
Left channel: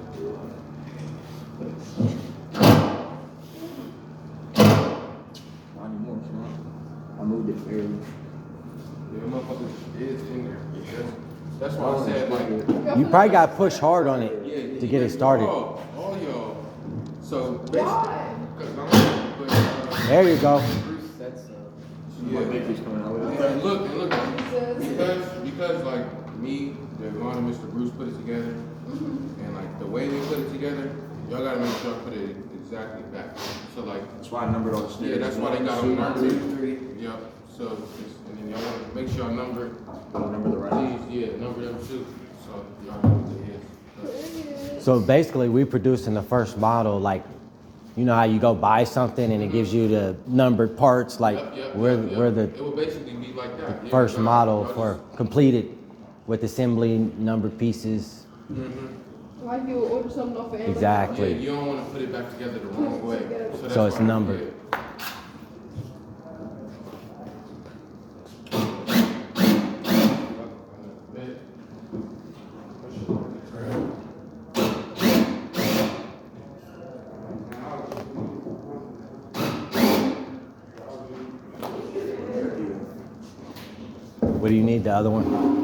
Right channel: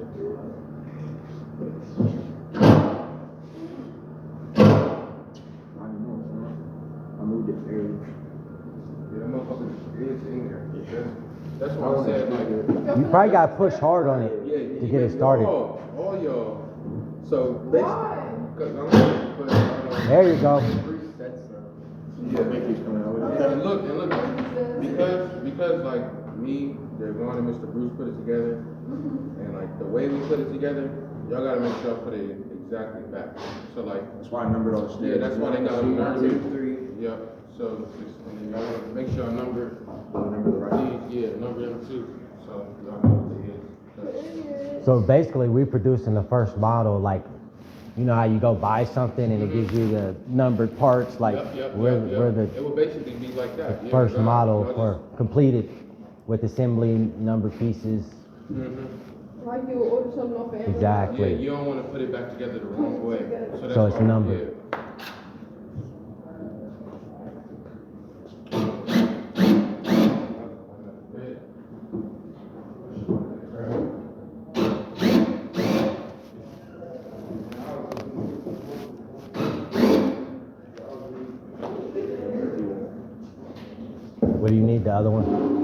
Not anymore, son. I moved it fairly. Yeah, motherfucker is in there. That's why I said like. You probably got to push hard on it to get it started. All y'all. So basically, Why? There you go. My baby's coming out with it. And look, because like me, Devon and Mr. Bruce put it together, and like the way we put it together, y'all gotta make sure y'all put it exactly back. So like, That's why I numbered all the yeah, stairs. that's why they got 1, them 2, numbered. 3. Yep. So and then y'all gotta make sure y'all number. Remember the right. Please, yeah, number them too. So y'all know what it is. So basically, we producing the first model, like, you know how you go buy something and it gives you the numbered parts, like we're the It will basically be like that. Yeah, first y'all- model y'all for just- completed with assembly, numbered pieces. Like you would order something off of Amazon. Exactly. Yeah, you don't want to put it back together the wrong way. That's So it's why- numbered. yeah. What do you need, the other one?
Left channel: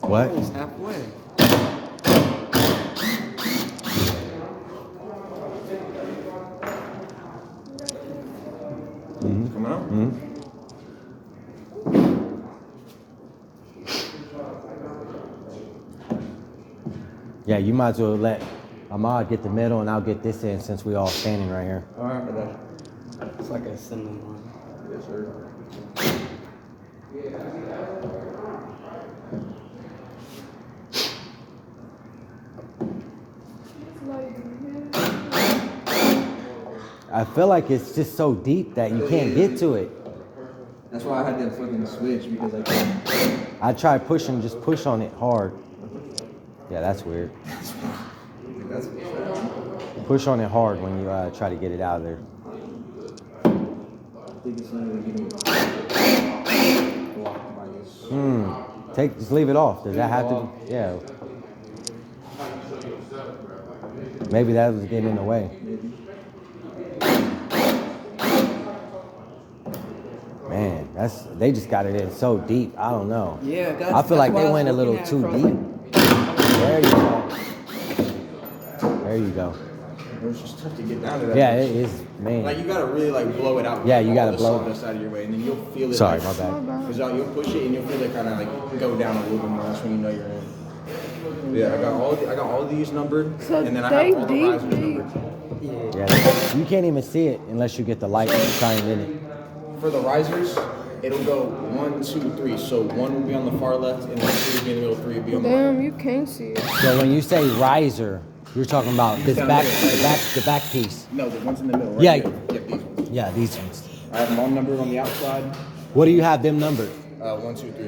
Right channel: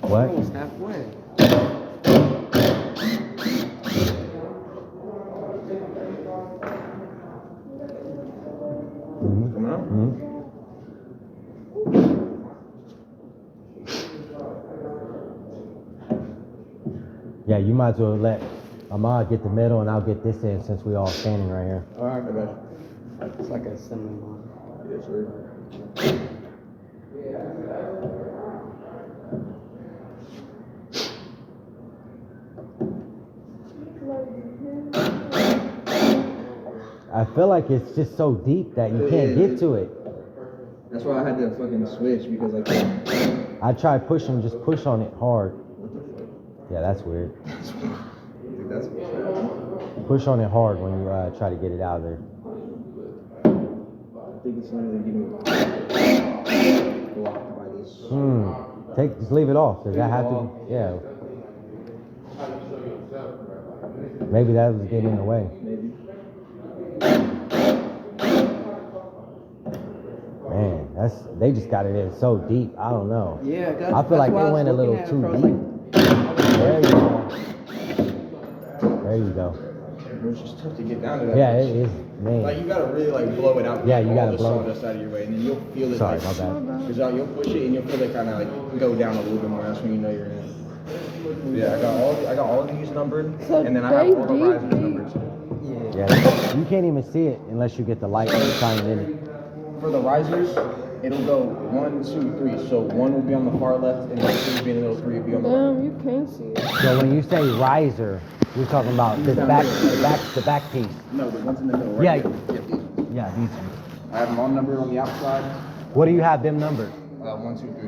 What? Almost halfway. Coming up? Yeah, you might as well let Ahmad get the middle and I'll get this in since we all standing right here. All right, for that. It's like a assembly line. Yes, sir. I feel like it's just so deep that you can't get to it. That's why I had to fucking switch because like I try pushing, just push on it hard. Yeah, that's weird. that's Push on it hard when you try to get it out of there. I think it's something getting blocked by this. Just leave it off. Does that have to? Yeah. Maybe that was getting in the way. Man, they just got it in so deep. I don't know. Yeah, I feel like they went a little too deep. There you go. There you go. It's just tough to get down to that. Yeah, it is, man. Like you gotta really like blow it out. Yeah, you all gotta the blow it. sawdust out of your way, and then you'll feel it. Sorry, like, my bad. Cause you'll push it and you'll feel it kind of like go down a little bit more. That's when you know you're in. Yeah, I got all these numbered, So and then I they have all the deep, risers deep. numbered. Yeah, you can't even see it unless you get the light and shine in it. For the risers, it'll go 1, 2, 3. So 1 will be on the far left, and 2 will be in the middle, 3 will be on the right. Damn, you can't see it. So when you say riser, you're talking about this the back piece. No, the ones in the middle, right? Yeah. Yep, these ones. Yeah, these ones. I have them all numbered on the outside. What do you have them numbered? 1, 2, 3,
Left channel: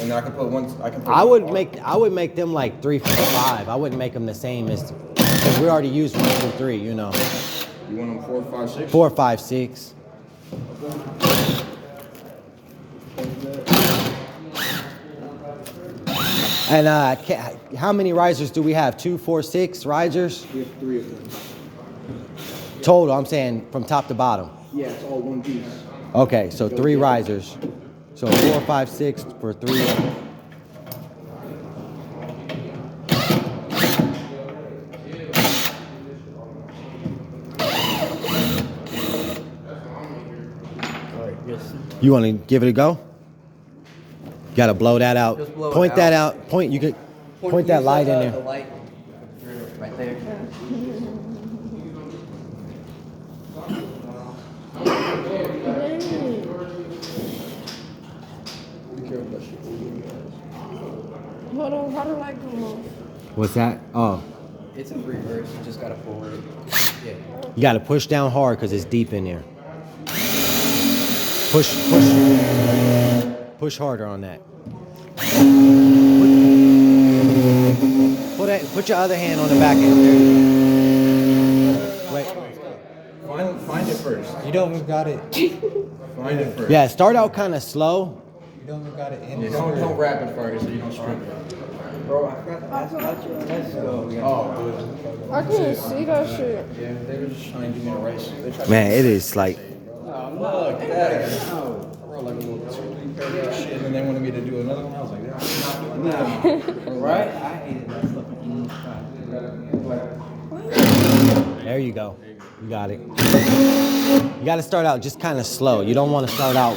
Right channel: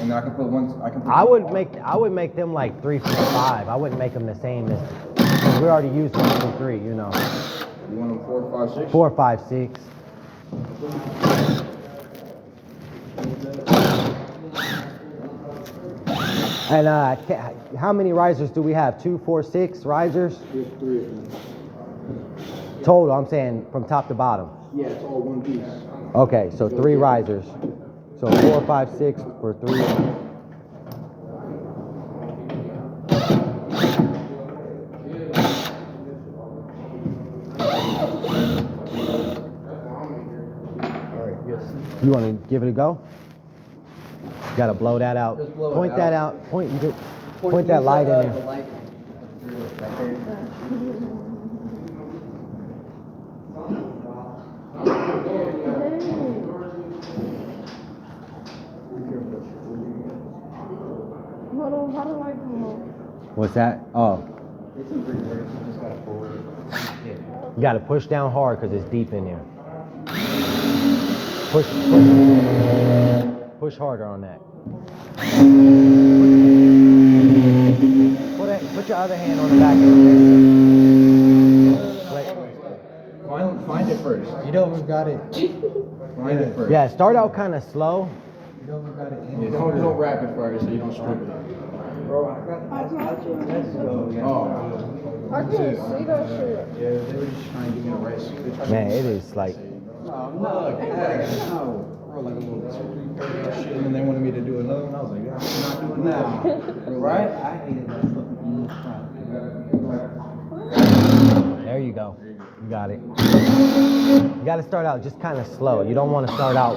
and then I can put one. I can put. I would make them like 3, 4, 5. I wouldn't make them the same as we already used 1, 2, 3. You know, You want them 4, 5, 6? 4, 5, 6. And how many risers do we have? 2, 4, 6 risers? We have 3 of them. Total, I'm saying from top to bottom. Yeah, it's all one piece. Okay, so 3 risers. So 4, 5, 6 for 3. You want to give it a go? Got to blow that out. Just blow it Point that out. out. Point. You could point that light in The there. light right there. Hold on, how do I go? What's that? Oh, It's in reverse. You just gotta forward it. Yeah. you got to push down hard because it's deep in there. Push harder on that. Put your other hand on the back end. Find it first. You don't even got it. Find it first. Yeah, start out kind of slow. You don't even got it in Yeah, the don't rapid fire so you don't screw it. Bro, I forgot to ask you. Let's go. I couldn't see that shit. Yeah, they were just trying to give me a race. They tried Man, it is like, to look at that. No. Bro, like a little 2, 3 paragraph shit, and then they wanted me to do another one. I was like, yeah, I'm not doing that. Right? I hated that stuff in English class. there you go. You got it. You got to start out just kind of slow. You don't want to start out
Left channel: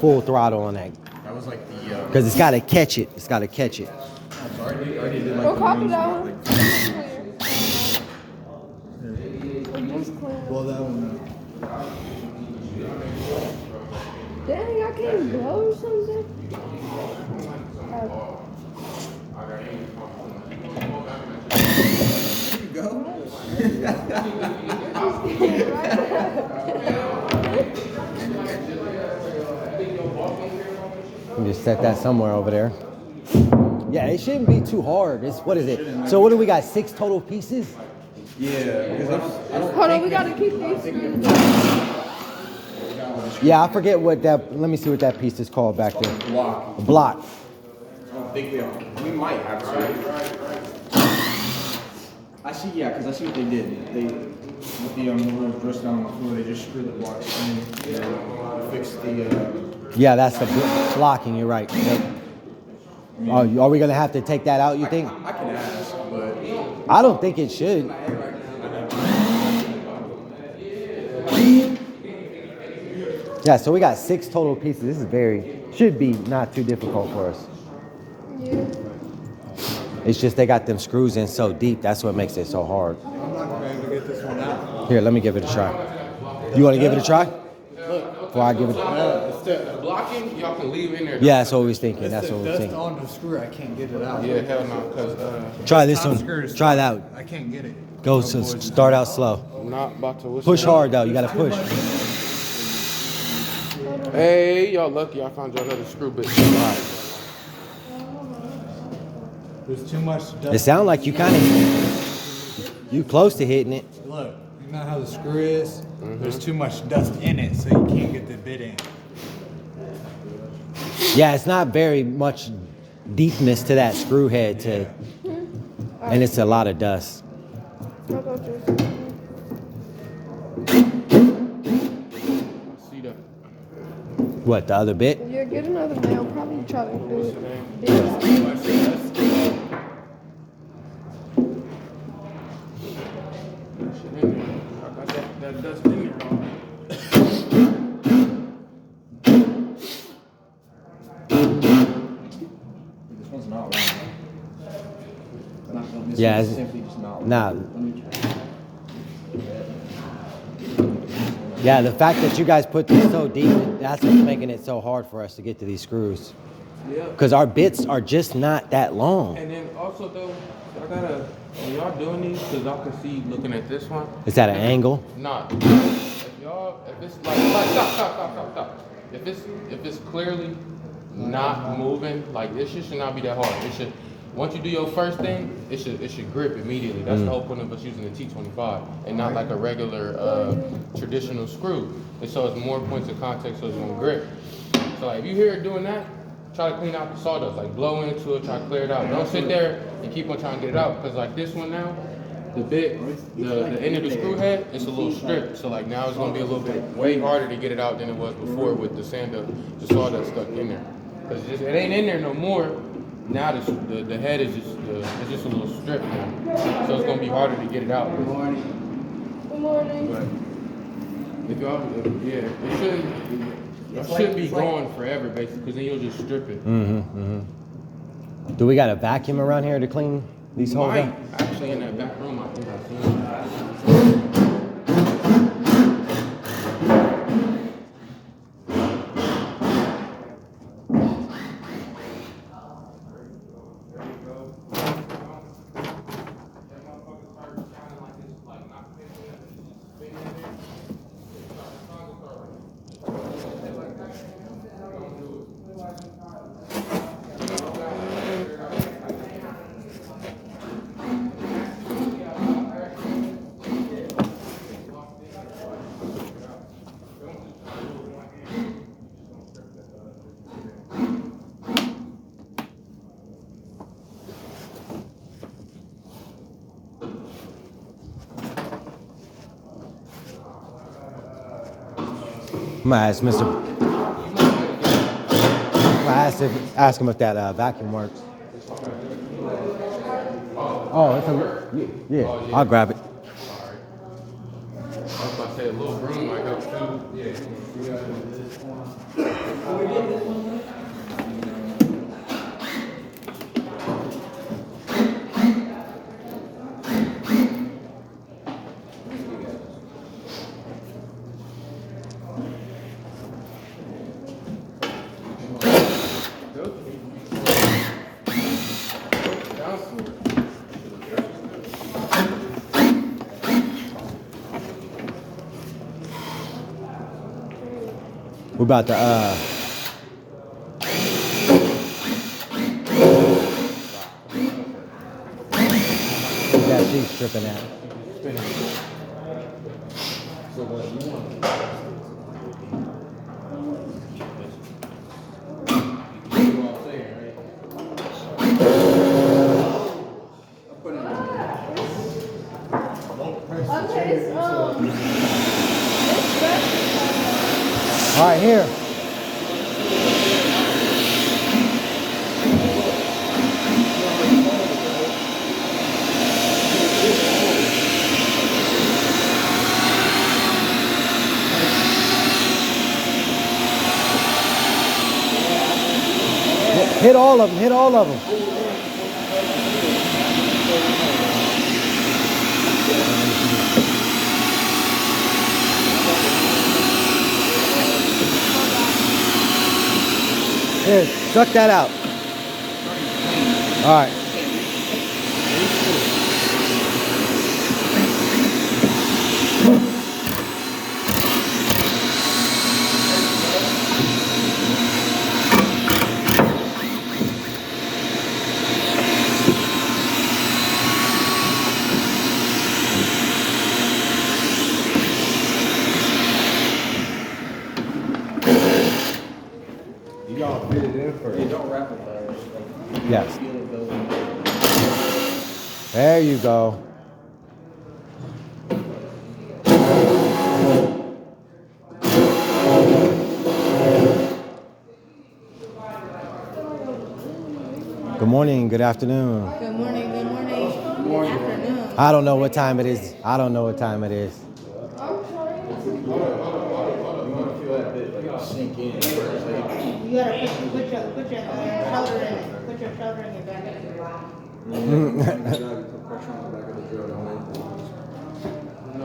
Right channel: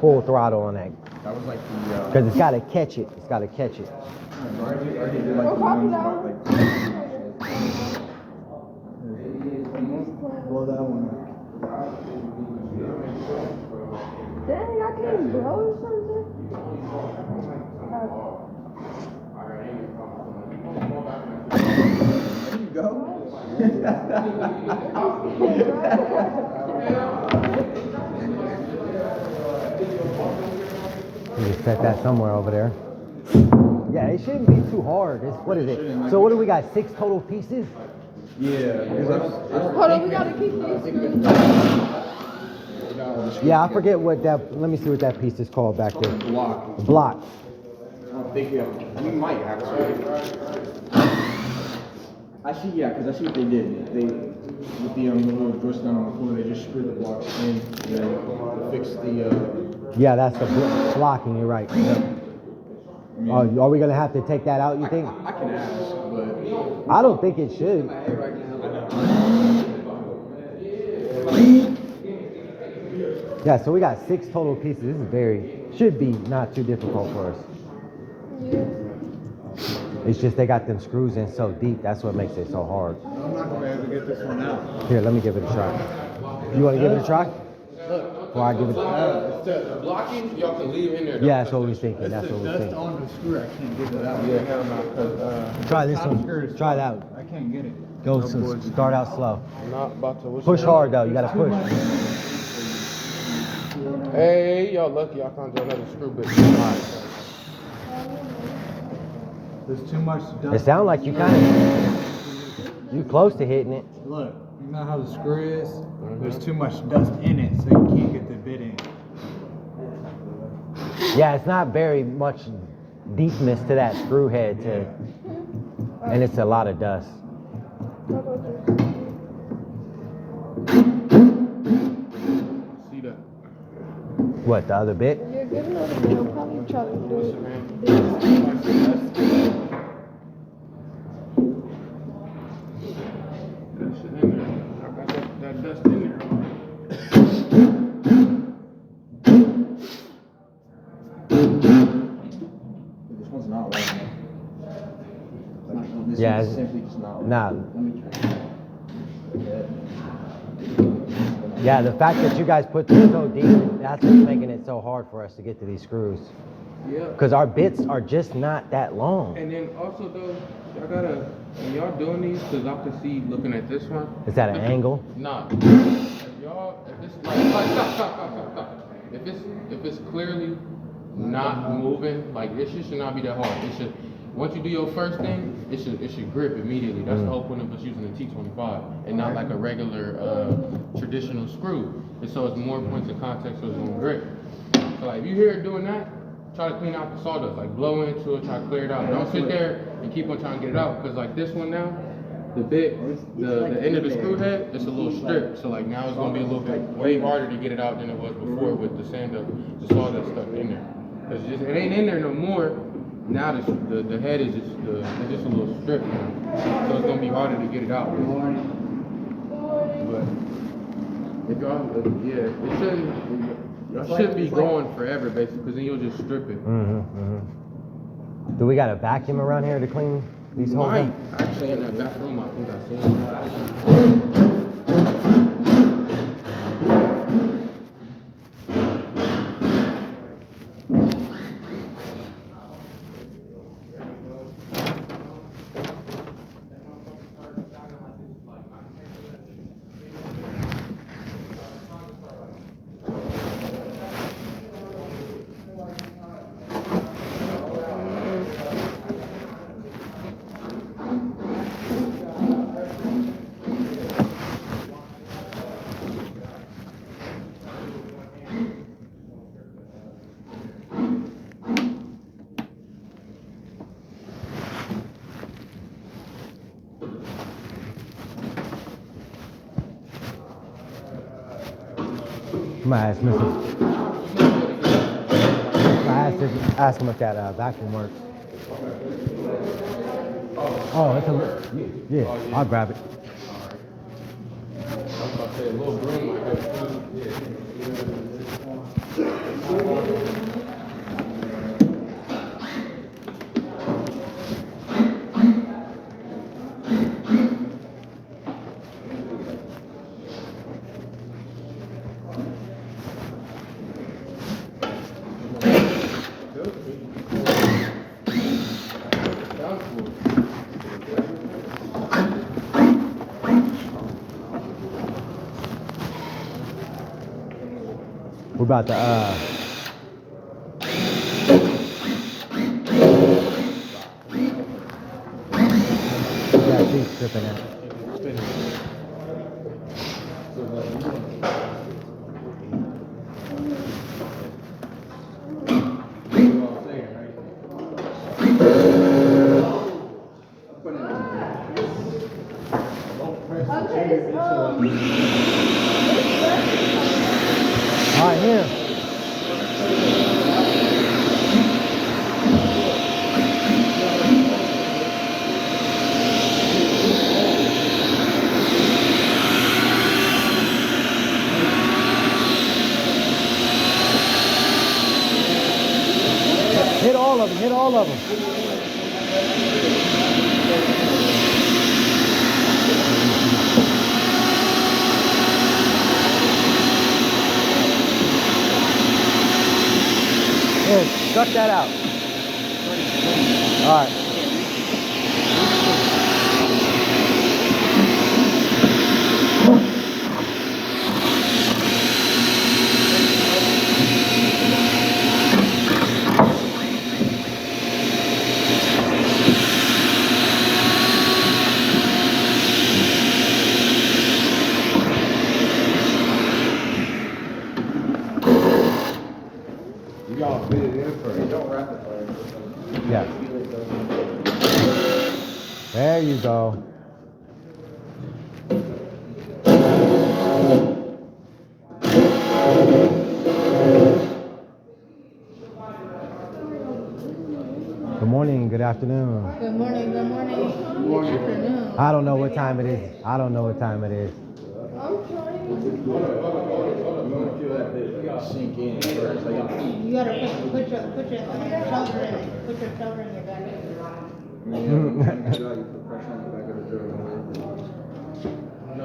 full throttle on that. That was like the, Because it's got to catch it. It's got to catch it. I already did like the copy ones that about, one. like, Blow that one out. Dang, I can't blow or something. there you go. You just set that somewhere over there. Yeah, it shouldn't be too hard. What is it? So what do we got? 6 total pieces? Yeah, because I don't Hold on, we gotta keep these screws. Yeah, I forget what that. Let me see what that piece is called back there. block. Block. I don't think we might have some. I see, yeah, because I see what they did. They, with the little dress down on the floor, they just screwed the blocks in and fixed the, Yeah, that's the blocking. You're right. Oh, are we gonna have to take that out? You think? I can ask, but I don't think it should. Yeah, so we got 6 total pieces. This is should be not too difficult for us. It's just they got them screws in so deep. That's what makes it so hard. I'm not gonna be able to get this one out. Here, let me give it a try. You want to give it a try? Before I give it. It's the, Blocking, y'all can leave in there. Yeah, that's what we was thinking. it's That's the what we was dust thinking. on the screw. I can't get it out. Yeah, hell no, because Try this Top one. screw is- Try that one. I can't get it. Go. So start out slow. I'm not about to. Push hard though. You gotta push. Hey, y'all lucky I found you another screw bit. There's too much dust. It sounds like you close to hitting it. Look, you know how the screw is? There's too much dust in it, so you can't get the bit in. Yeah, it's not very much deepness to that screw head and it's a lot of dust. See that? What, the other bit? Yeah, get another nail. Probably try to do it. That shit in there. I got that dust in there. this one's not long. This Yeah, one's it's- simply just not nah. Let me try. Yeah, the fact that you guys put this so deep, that's what's making it so hard for us to get to these screws. Yeah. Because our bits are just not that long. And then also though, I gotta, when y'all doing these, cause I can see looking at this one. It's at an angle. Nah. If y'all, if it's like, stop. If it's clearly not moving, like this shit should not be that hard. It should, once you do your first thing, it should grip immediately. That's the whole point of us using the T25 and not like a regular traditional screw. And so it's more points of contact, so it's gonna grip. So like, if you hear it doing that, try to clean out the sawdust. Like blow into it, try to clear it out. Don't sit there and keep on trying to get it out. Because like this one now, the end of the screw head, it's a little strip. So like now it's gonna be a little bit way harder to get it out than it was before with the sawdust stuck in there. Because it ain't in there no more. Now the head is just it's just a little strip now. So it's gonna be harder to get it out. Good morning. If y'all, yeah, it shouldn't be going forever, basically, because then you'll just strip it. Do we got a vacuum around here to clean these holes Mine, out? actually, in that back room, I think I've seen it. I'm gonna ask Mr. Ask him if that vacuum works. Oh, that's yeah. I'll grab it. I was about to say a little broom might help too. Yeah. We're about to yeah, she's stripping it. So what, you know? All right, here. Hit all of them, hit all of them. Here, suck that out. All right. You gotta fit it in first. Hey, don't wrap it first. Yes. There you go. Good morning, good afternoon. Good morning, good morning, good afternoon. I don't know what time it is. I don't know what time it is. You wanna feel that bit, you gotta sink in first. Like, You gotta put your shoulder in it. Put your shoulder in your back. No,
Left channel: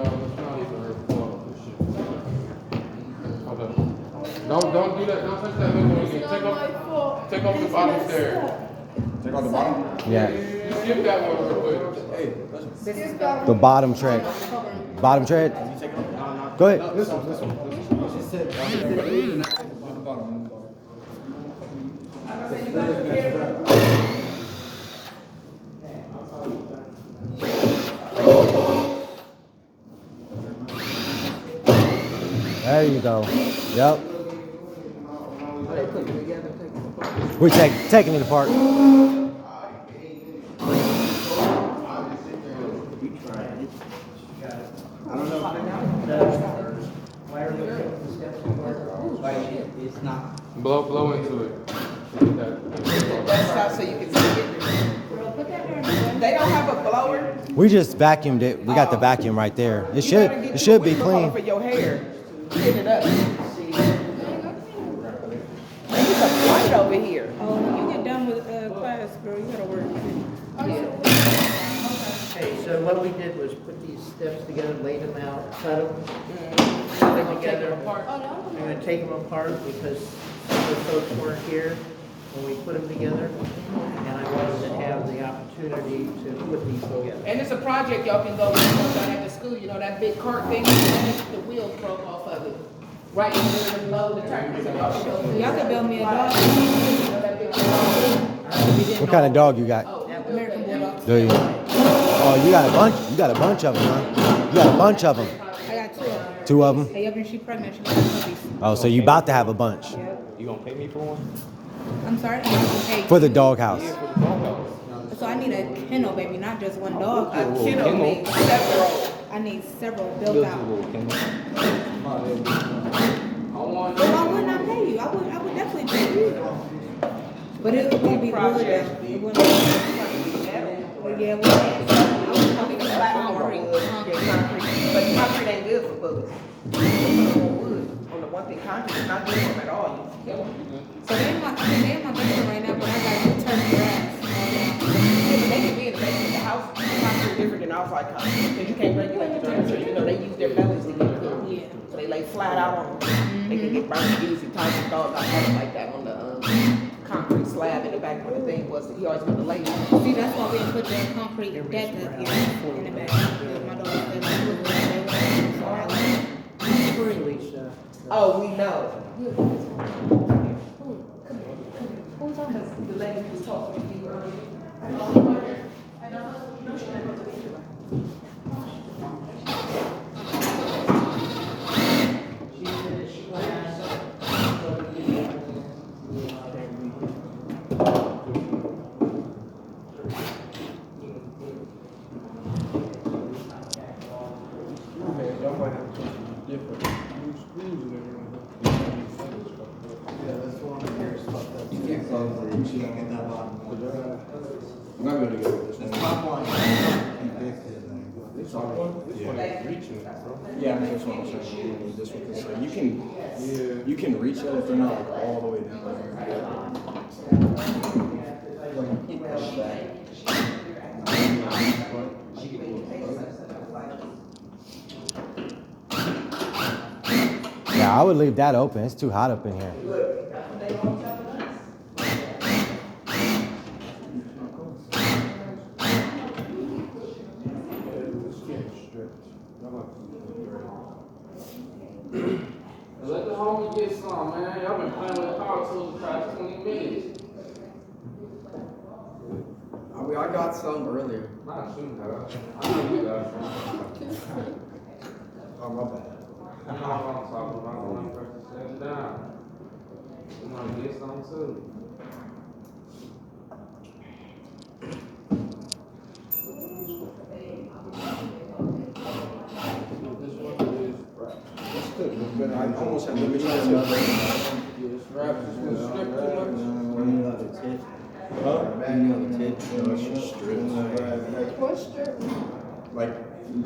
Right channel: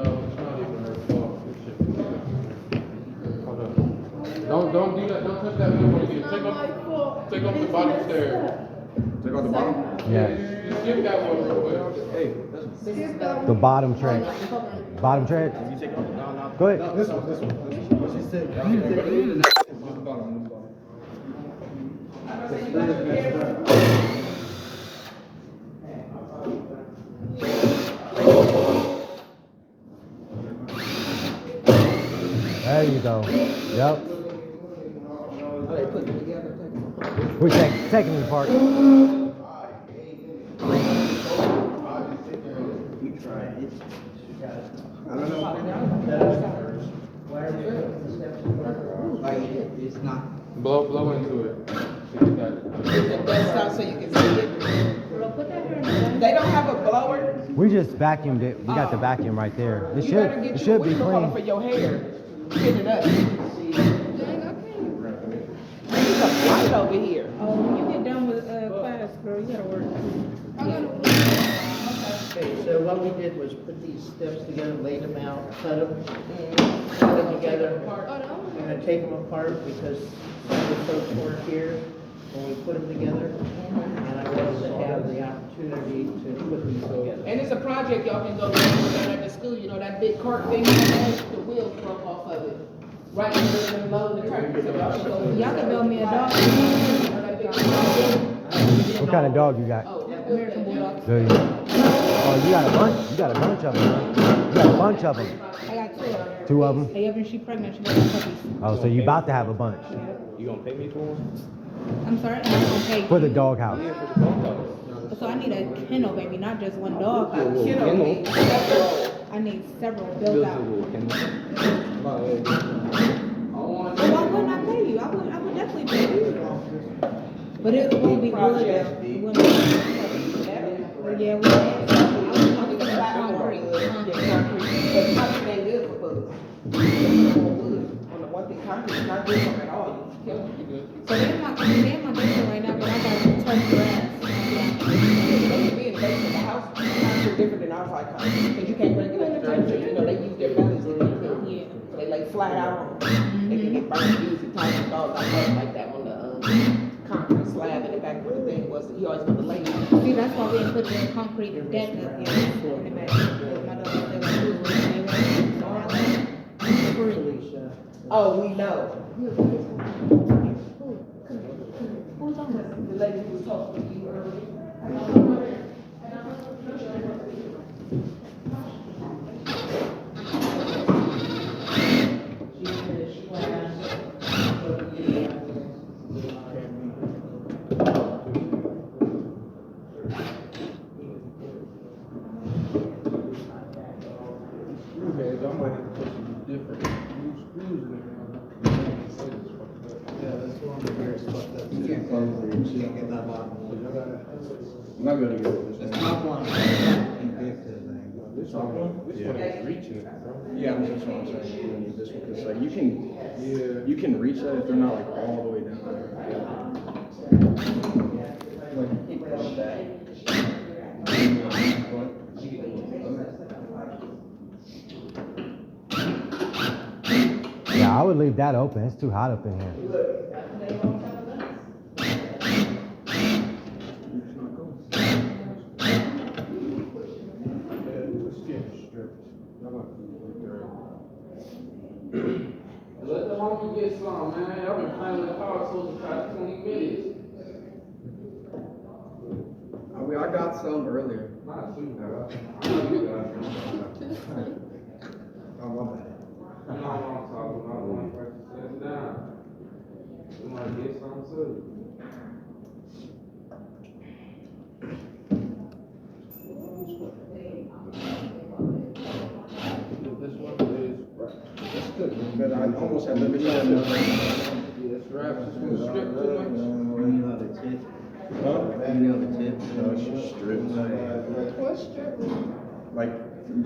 it's not even her fault. This shit. Hold up. Don't do that. Don't touch that mechanism. Take off the bottom stair. take out the bottom. Yeah. Just skip that one real quick. Hey, listen. This is the The bottom tread. Bottom tread? Go ahead. This one. She said, There you go. Yep. putting it together, taking it apart. We're taking it apart. It's not. Blow into it. That's out so you can see it. They don't have a blower. We just vacuumed it. We got the vacuum right there. It should be for clean. your hair. Clean it up. There's a light over here. Oh, when you get done with class, bro, you gotta work. Okay, so what we did was put these steps together, laid them out, cut them, put them together. We're gonna take them apart because some of the folks weren't here when we put them together. And I wanted to have the opportunity to put these together. And it's a project y'all can go with down at the school. You know that big cart thing? The wheels broke off of it. Right in the low the turn. So Y'all can build me a dog. You know that big What kind of dog you got? American Bulldog. Do you? Oh, you got a bunch. You got a bunch of them, huh? You got a bunch of them. I got 2 of them. 2 of them. Hey, up and she pregnant. She got puppies. Oh, so you about to have a bunch Yep. You gonna pay me for one? I'm sorry. Okay. for the doghouse. So I need a kennel, baby, not just one dog. kennel needs several. I need several built out. Well, why wouldn't I pay you? I would definitely pay you. But it won't be wood. It wouldn't be. But yeah, we had some. I was talking about Concrete. concrete. But concrete ain't good for bullets. Put more wood on the one thing. Concrete is not good for them at all. You kill them. So they're in my basement right now, but I got to touch grass. They can be in the basement of the house. Concrete different than outside concrete because you can't regulate the temperature. You know they use their bellies to get cooked. Yeah. So they lay flat out on them. They can get burned easy. Tyson dogs I know like that on the concrete slab in the back where the thing was. He always put the lay. See, that's why we don't put the concrete deck up here in the back. My daughter said, like, "Ooh, they want so I like, Felicia. Oh, we know. who's on this? The lady who was talking to you earlier. I might have to put some different screws and everything. Yeah, that's one of the areas fucked up. You can't go for it. You can't get that bottom one. You might be able to get it. The top one. This one is reaching it, bro. Yeah, that's what I'm saying. You need this one because like you can reach it if they're not like all the way down. Yeah, I would leave that open. It's too hot up in here. Let the homie get some, man. Y'all been playing with cars for the past 20 minutes. I got some earlier. Not shooting, bro. I know you got some. Oh, my bad. You know what I'm talking about when I first sitting down. You wanna get some too? This one is it's good, but I almost have to be Yes, rap is gonna strip too much. Huh? No, it's just strips. What's strip? Like, you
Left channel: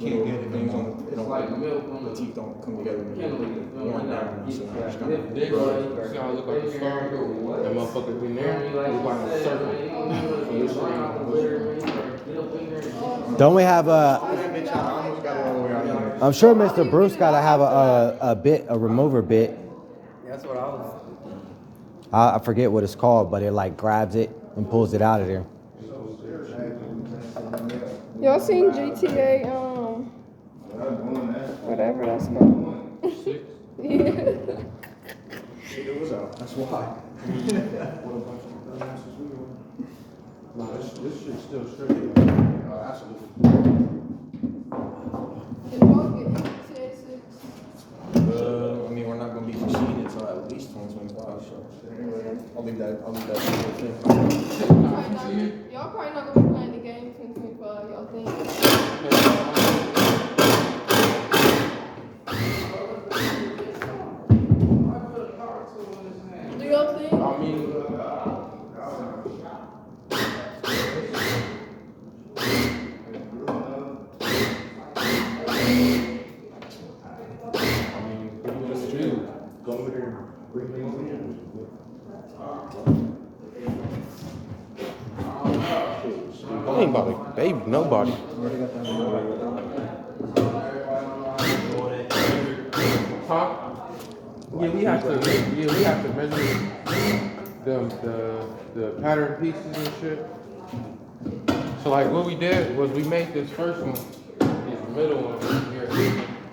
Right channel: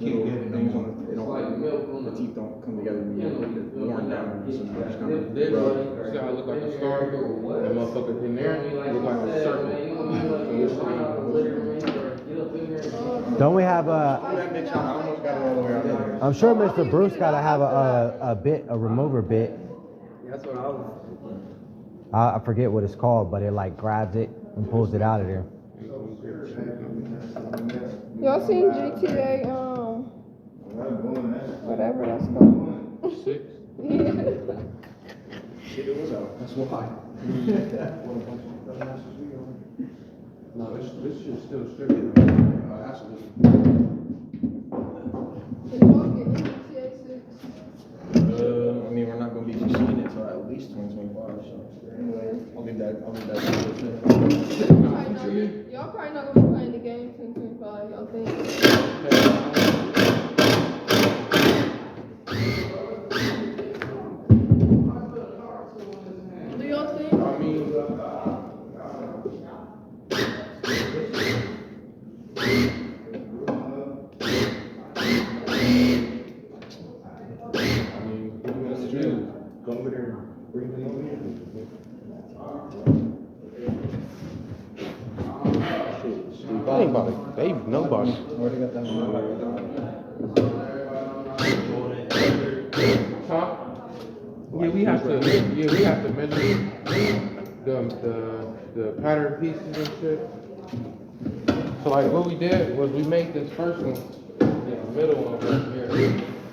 can't get things on, it don't, Like milk on the teeth don't come together when you get it worn down, so you just kind of This rub. way, see how it look like a star? That motherfucker been there, it look like a circle. So this way, Don't we have a? I almost got it all the way out there. I'm sure Mr. Bruce gotta have a remover bit. That's what I was. I forget what it's called, but it like grabs it and pulls it out of there. Y'all seen GTA, whatever that's called? 6. Yeah. It was out, that's why. Nah, this shit's still straight. Absolutely. Did y'all get into GTA 6? I mean, we're not gonna be conceding it until at least 2025, so. I'll leave that to you. Y'all probably not gonna be playing the game 2025, y'all think? Do y'all think? I mean, Go over there and bring them over here. I ain't about to baby nobody. Already got that one. Huh? Yeah, we have to. Yeah, we have to measure the pattern pieces and shit. So like, what we did was we made this first one, this middle one right here.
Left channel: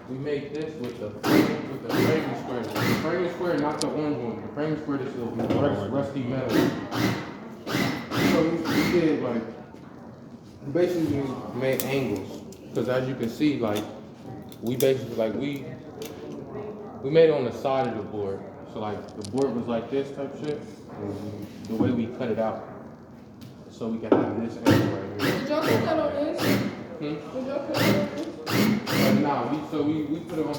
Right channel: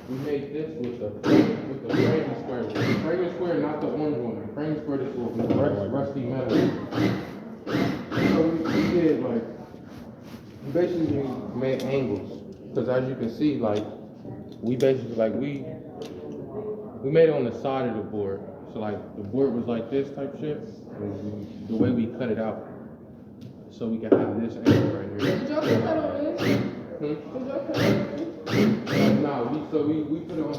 We made this with the framing square. The framing square, not the orange one. The framing square, this little rusty metal. So we did like, we basically made angles. Because as you can see, like, we basically, like, we made it on the side of the board. So like, the board was like this type shit. And the way we cut it out. So we can have this angle right here. Did y'all put that on this? Did y'all put that on this? No, we put it on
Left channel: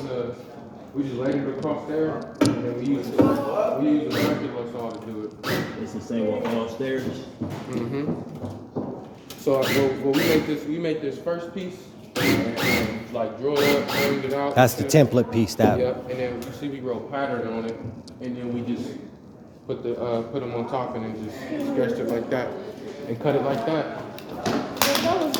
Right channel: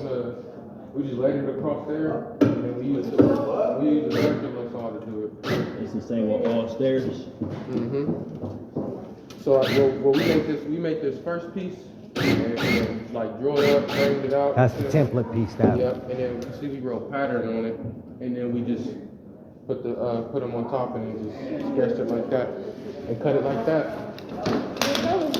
we just laid it across there, and then we use the circular saw to do it. It's the same with all stairs. Mm-hmm. So we make this first piece, and like draw it up, frame it out. That's the template piece that. Yep, and then we wrote pattern on it, and then we just put them on top and then just sketched it like that, and cut it like that. That was